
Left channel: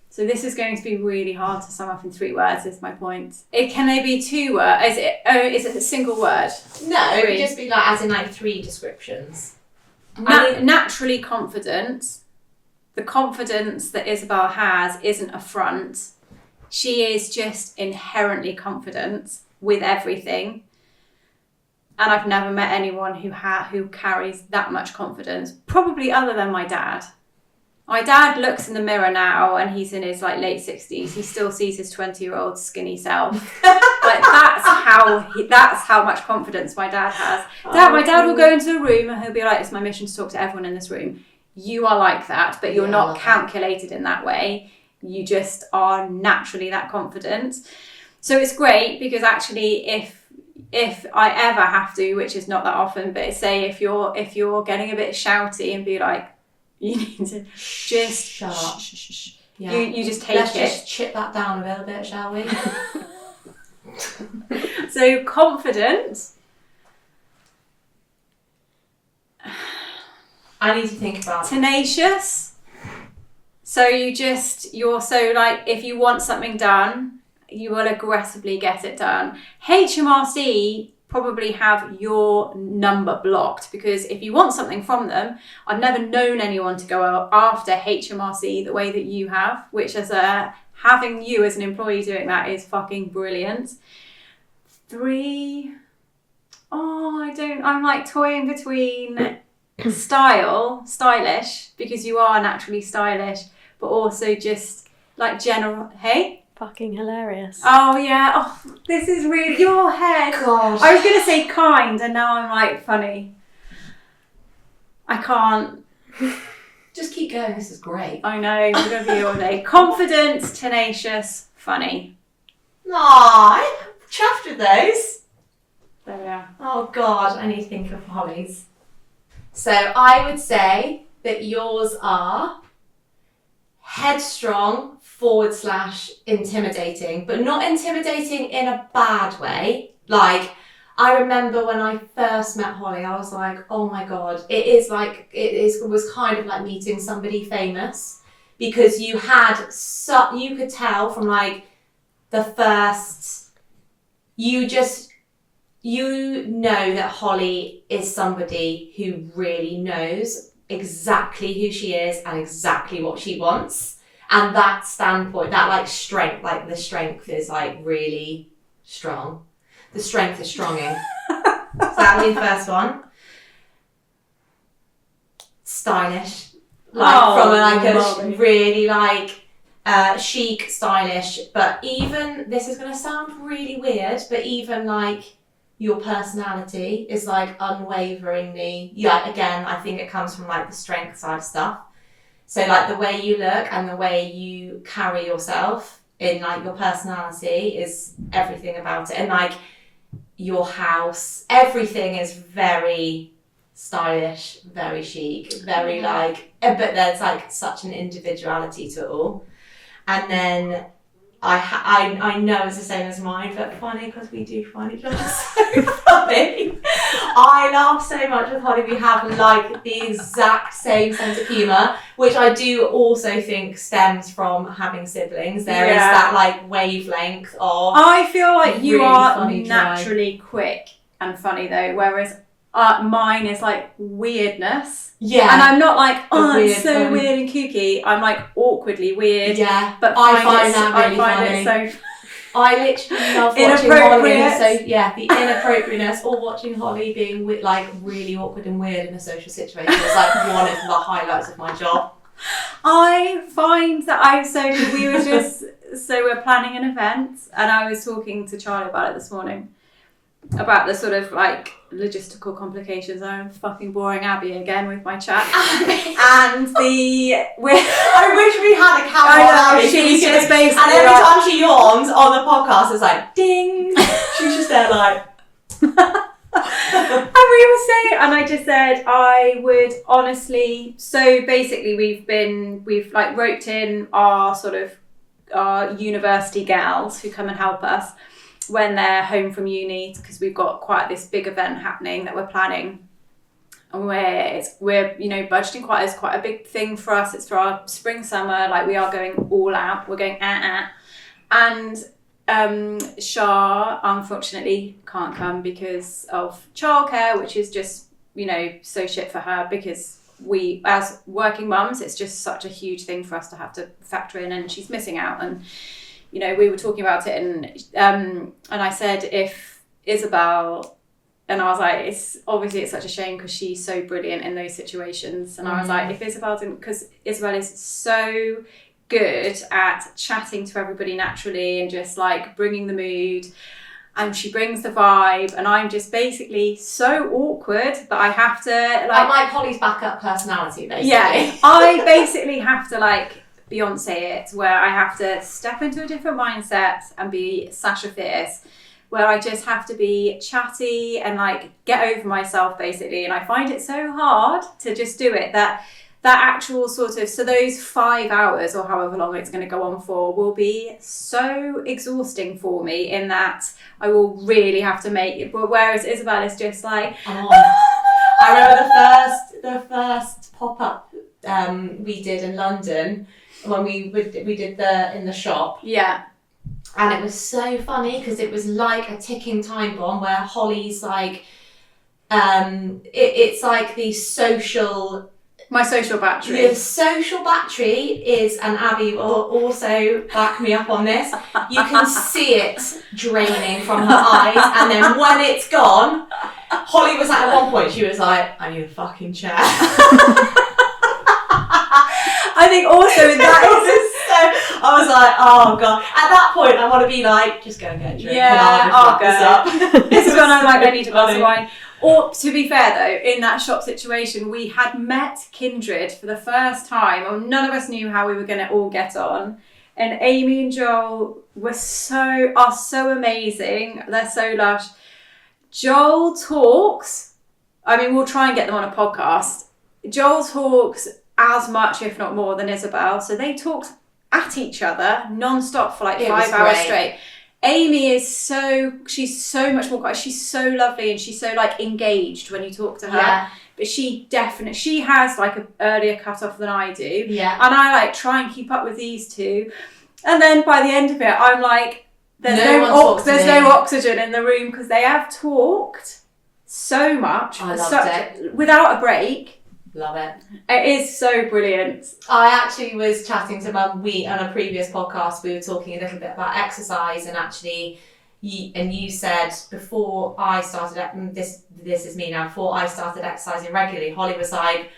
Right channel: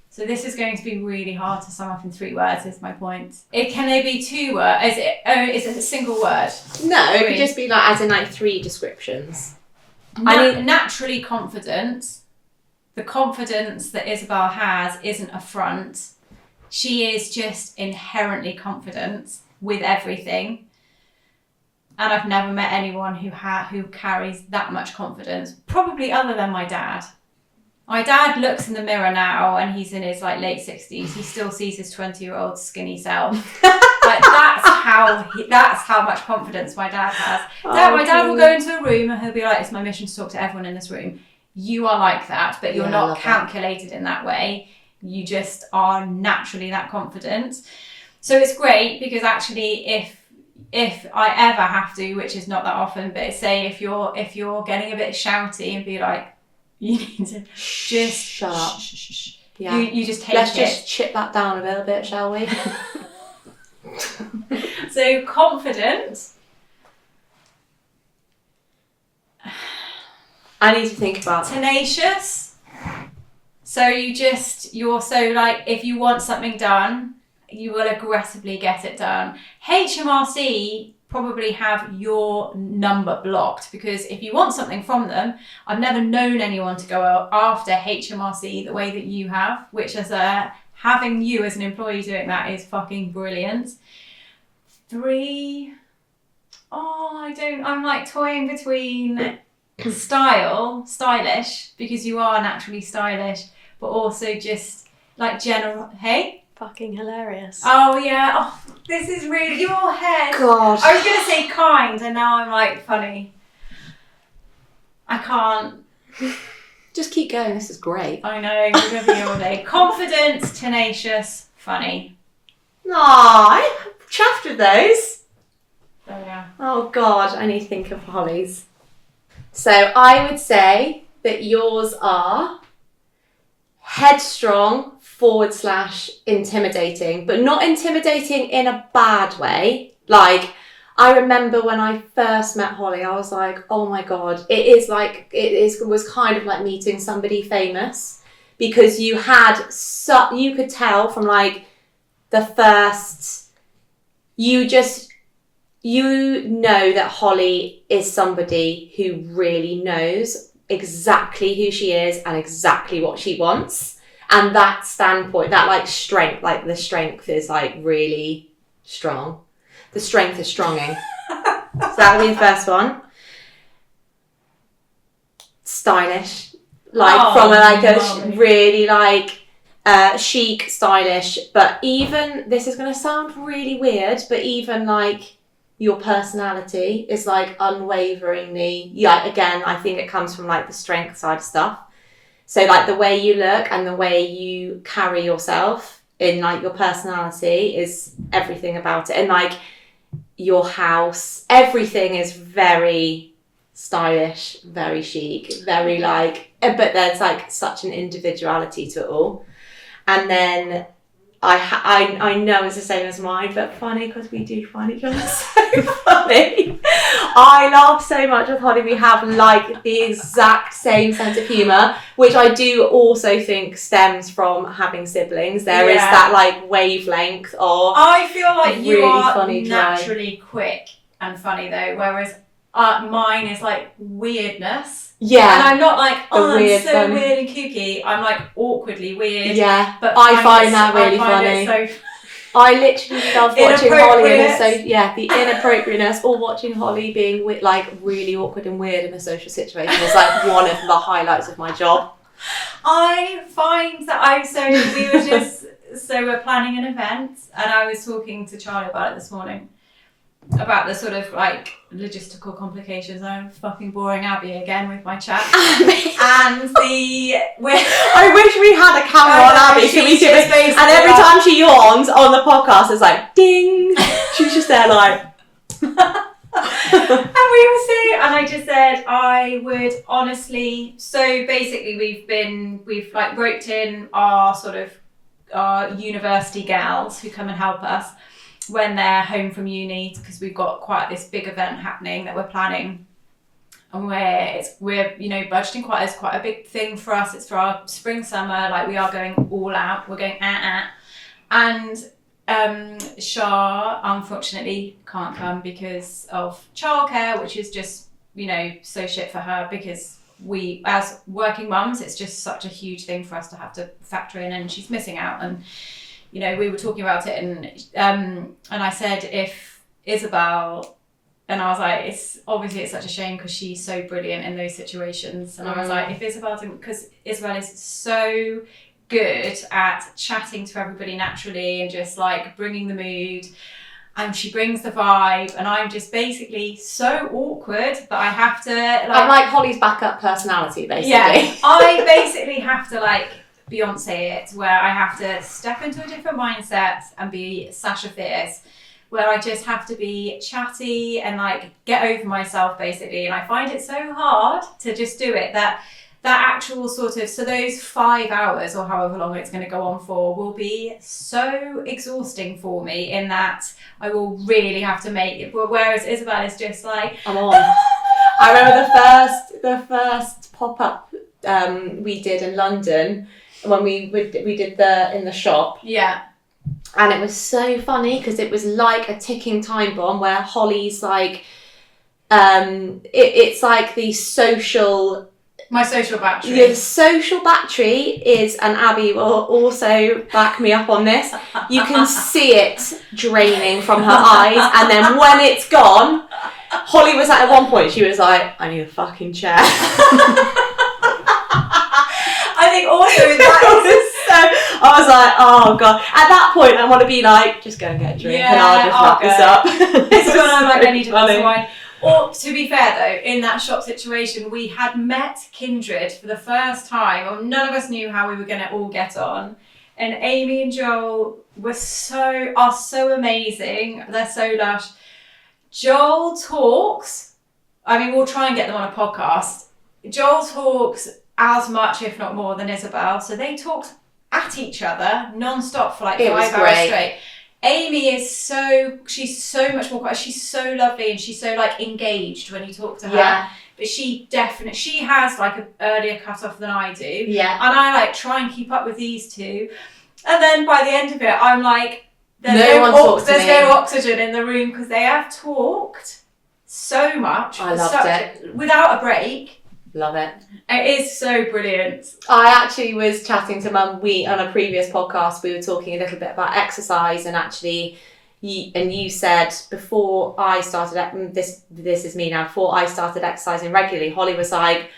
So this is going to be really hard to sum up in 3 words, is my point. Can they be 2 words? Is it a single word? No, it would just be like, as in like 3 descriptions. Naturally confident. The confidence that Isabel has isn't a front. She is just inherently confident with everything. And I've never met anyone who carries that much confidence, probably other than my dad. My dad looks in the mirror now, and he's in his like late 60s. He still sees his 20-year-old skinny self. But that's how much confidence my dad has. My dad will go into a room and he'll be like, it's my mission to talk to everyone in this room. You are like that, but you're not calculated in that way. You just are naturally that confident. So it's great, because actually if I ever have to, which is not that often, but say if you're getting a bit shouty, and be like, you need to just shut up. Yeah. You just take Let's just chip that down a little bit, shall we? So confident. I need to think about tenacious. So you're so like, if you want something done, you will aggressively get it done. HMRC probably have your number blocked, because if you want something from them, I've never known anyone to go after HMRC the way that you have, which having you as an employee doing that is fucking brilliant. 3, I'm like toying between stylish, because you are naturally stylish, but also just like general, hey? Fucking hilarious. Oh yeah. Oh, this is really your head. God. I was gonna say kind, and now I'm like funny. I can't. Just keep going. This is great. I know, we're going to be all day. Confident, tenacious, funny. Aw, I'm chuffed with those. Oh, yeah. Oh, God, I need to think of Holly's. So I would say that yours are headstrong / intimidating, but not intimidating in a bad way. Like, I remember when I first met Holly, I was like, oh my God, it was kind of like meeting somebody famous, because you could tell from like the first, you know that Holly is somebody who really knows exactly who she is and exactly what she wants. And that standpoint, that like strength, like the strength is like really strong. The strength is stronging. So that would be the first one. Stylish. Like from a really like chic, stylish, but even, this is going to sound really weird, but even like your personality is like unwaveringly, yeah, again, I think it comes from like the strength side of stuff. So like the way you look and the way you carry yourself in like your personality is everything about it. And like your house, everything is very stylish, very chic, very like, but there's like such an individuality to it all. And then I know it's the same as mine, but funny because we do find each other so funny. I laugh so much with Holly. We have like the exact same sense of humour, which I do also think stems from having siblings. There is that like wavelength of. I feel like you really are funny, naturally quick and funny though, whereas mine is like weirdness. Yeah. And I'm not like, I'm weird so one. weird and kooky. I'm like awkwardly weird. Yeah. But I find that really funny. funny. I literally love watching Holly the inappropriateness, or watching Holly being like really awkward and weird in a social situation is like one of the highlights of my job. I find that we're planning an event, and I was talking to Charlie about it this morning, about the sort of like logistical complications. I'm fucking boring Abby again with my chat. And I wish we had a camera on Abby. And every time she yawns on the podcast, it's like ding. She's just there like. And I just said I would honestly. So basically, we've like roped in our sort of our university gals who come and help us when they're home from uni, because we've got quite this big event happening that we're planning, and we're budgeting quite a big thing for us. It's for our spring summer, like we are going all out. We're going and Shah unfortunately can't come because of childcare, which is just so shit for her, because we as working mums, it's just such a huge thing for us to have to factor in, and she's missing out. And we were talking about it, and I said if Isabel, and I was like, it's such a shame because she's so brilliant in those situations, and I was like, if Isabel didn't, because Isabel is so good at chatting to everybody naturally and just like bringing the mood, and she brings the vibe, and I'm just basically so awkward that I have to I'm like Holly's backup personality, basically. Yeah, I basically have to like Beyonce it, where I have to step into a different mindset and be Sasha Fierce, where I just have to be chatty and like get over myself basically. And I find it so hard to just do it, that actual sort of, so those 5 hours or however long it's going to go on for will be so exhausting for me, in that I will really have to make it. Whereas Isabel is just like, I'm on. I remember the first pop-up we did in London, when we did in the shop. Yeah. And it was so funny because it was like a ticking time bomb, where Holly's like, it's like my social battery. The social battery is, and Abby will also back me up on this, you can see it draining from her eyes, and then when it's gone, Holly was at one point, she was like, I need a fucking chair. I think also that is so, I was like, oh God. At that point, I want to be like, just go and get a drink, and I'll just wrap this up. This is when I'm like, I need a glass of wine. Or to be fair though, in that shop situation, we had met kindred for the first time, or none of us knew how we were going to all get on. And Amy and Joel are so amazing. They're so lush. Joel talks. I mean, we'll try and get them on a podcast. Joel talks as much, if not more, than Isabel. So they talked at each other non-stop for like 5 hours straight. Amy she's so much more quiet. She's so lovely and she's so like engaged when you talk to her. Yeah. But she has like an earlier cut off than I do. Yeah. And I like try and keep up with these two. And then by the end of it, I'm like, there's no oxygen in the room because they have talked so much. I loved it. Without a break. Love it. It is so brilliant. I actually was chatting to Mum. On a previous podcast, we were talking a little bit about exercise, and actually, you said before I started, this is me now, before I started exercising regularly, Holly was like,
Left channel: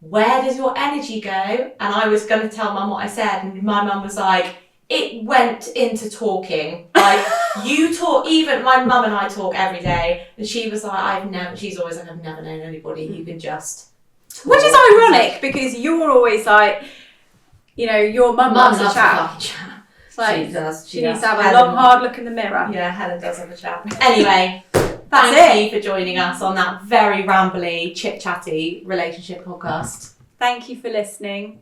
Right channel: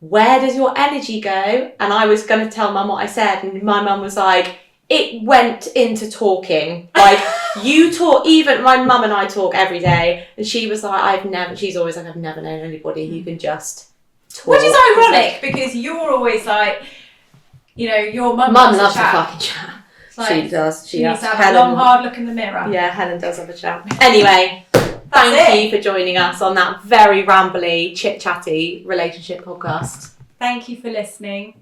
where does your energy go? And I was going to tell Mum what I said, and my mum was like, it went into talking. Like, you talk, even my mum and I talk every day, and she was like, she's always like, I've never known anybody who can just talk. Which is ironic, because you're always like, your mum loves a chat. fucking chat. Like, she does. She needs to have a long, hard look in the mirror. Yeah, Helen does have a chat. Anyway, thank you for joining us on that very rambly, chit-chatty relationship podcast. Thank you for listening.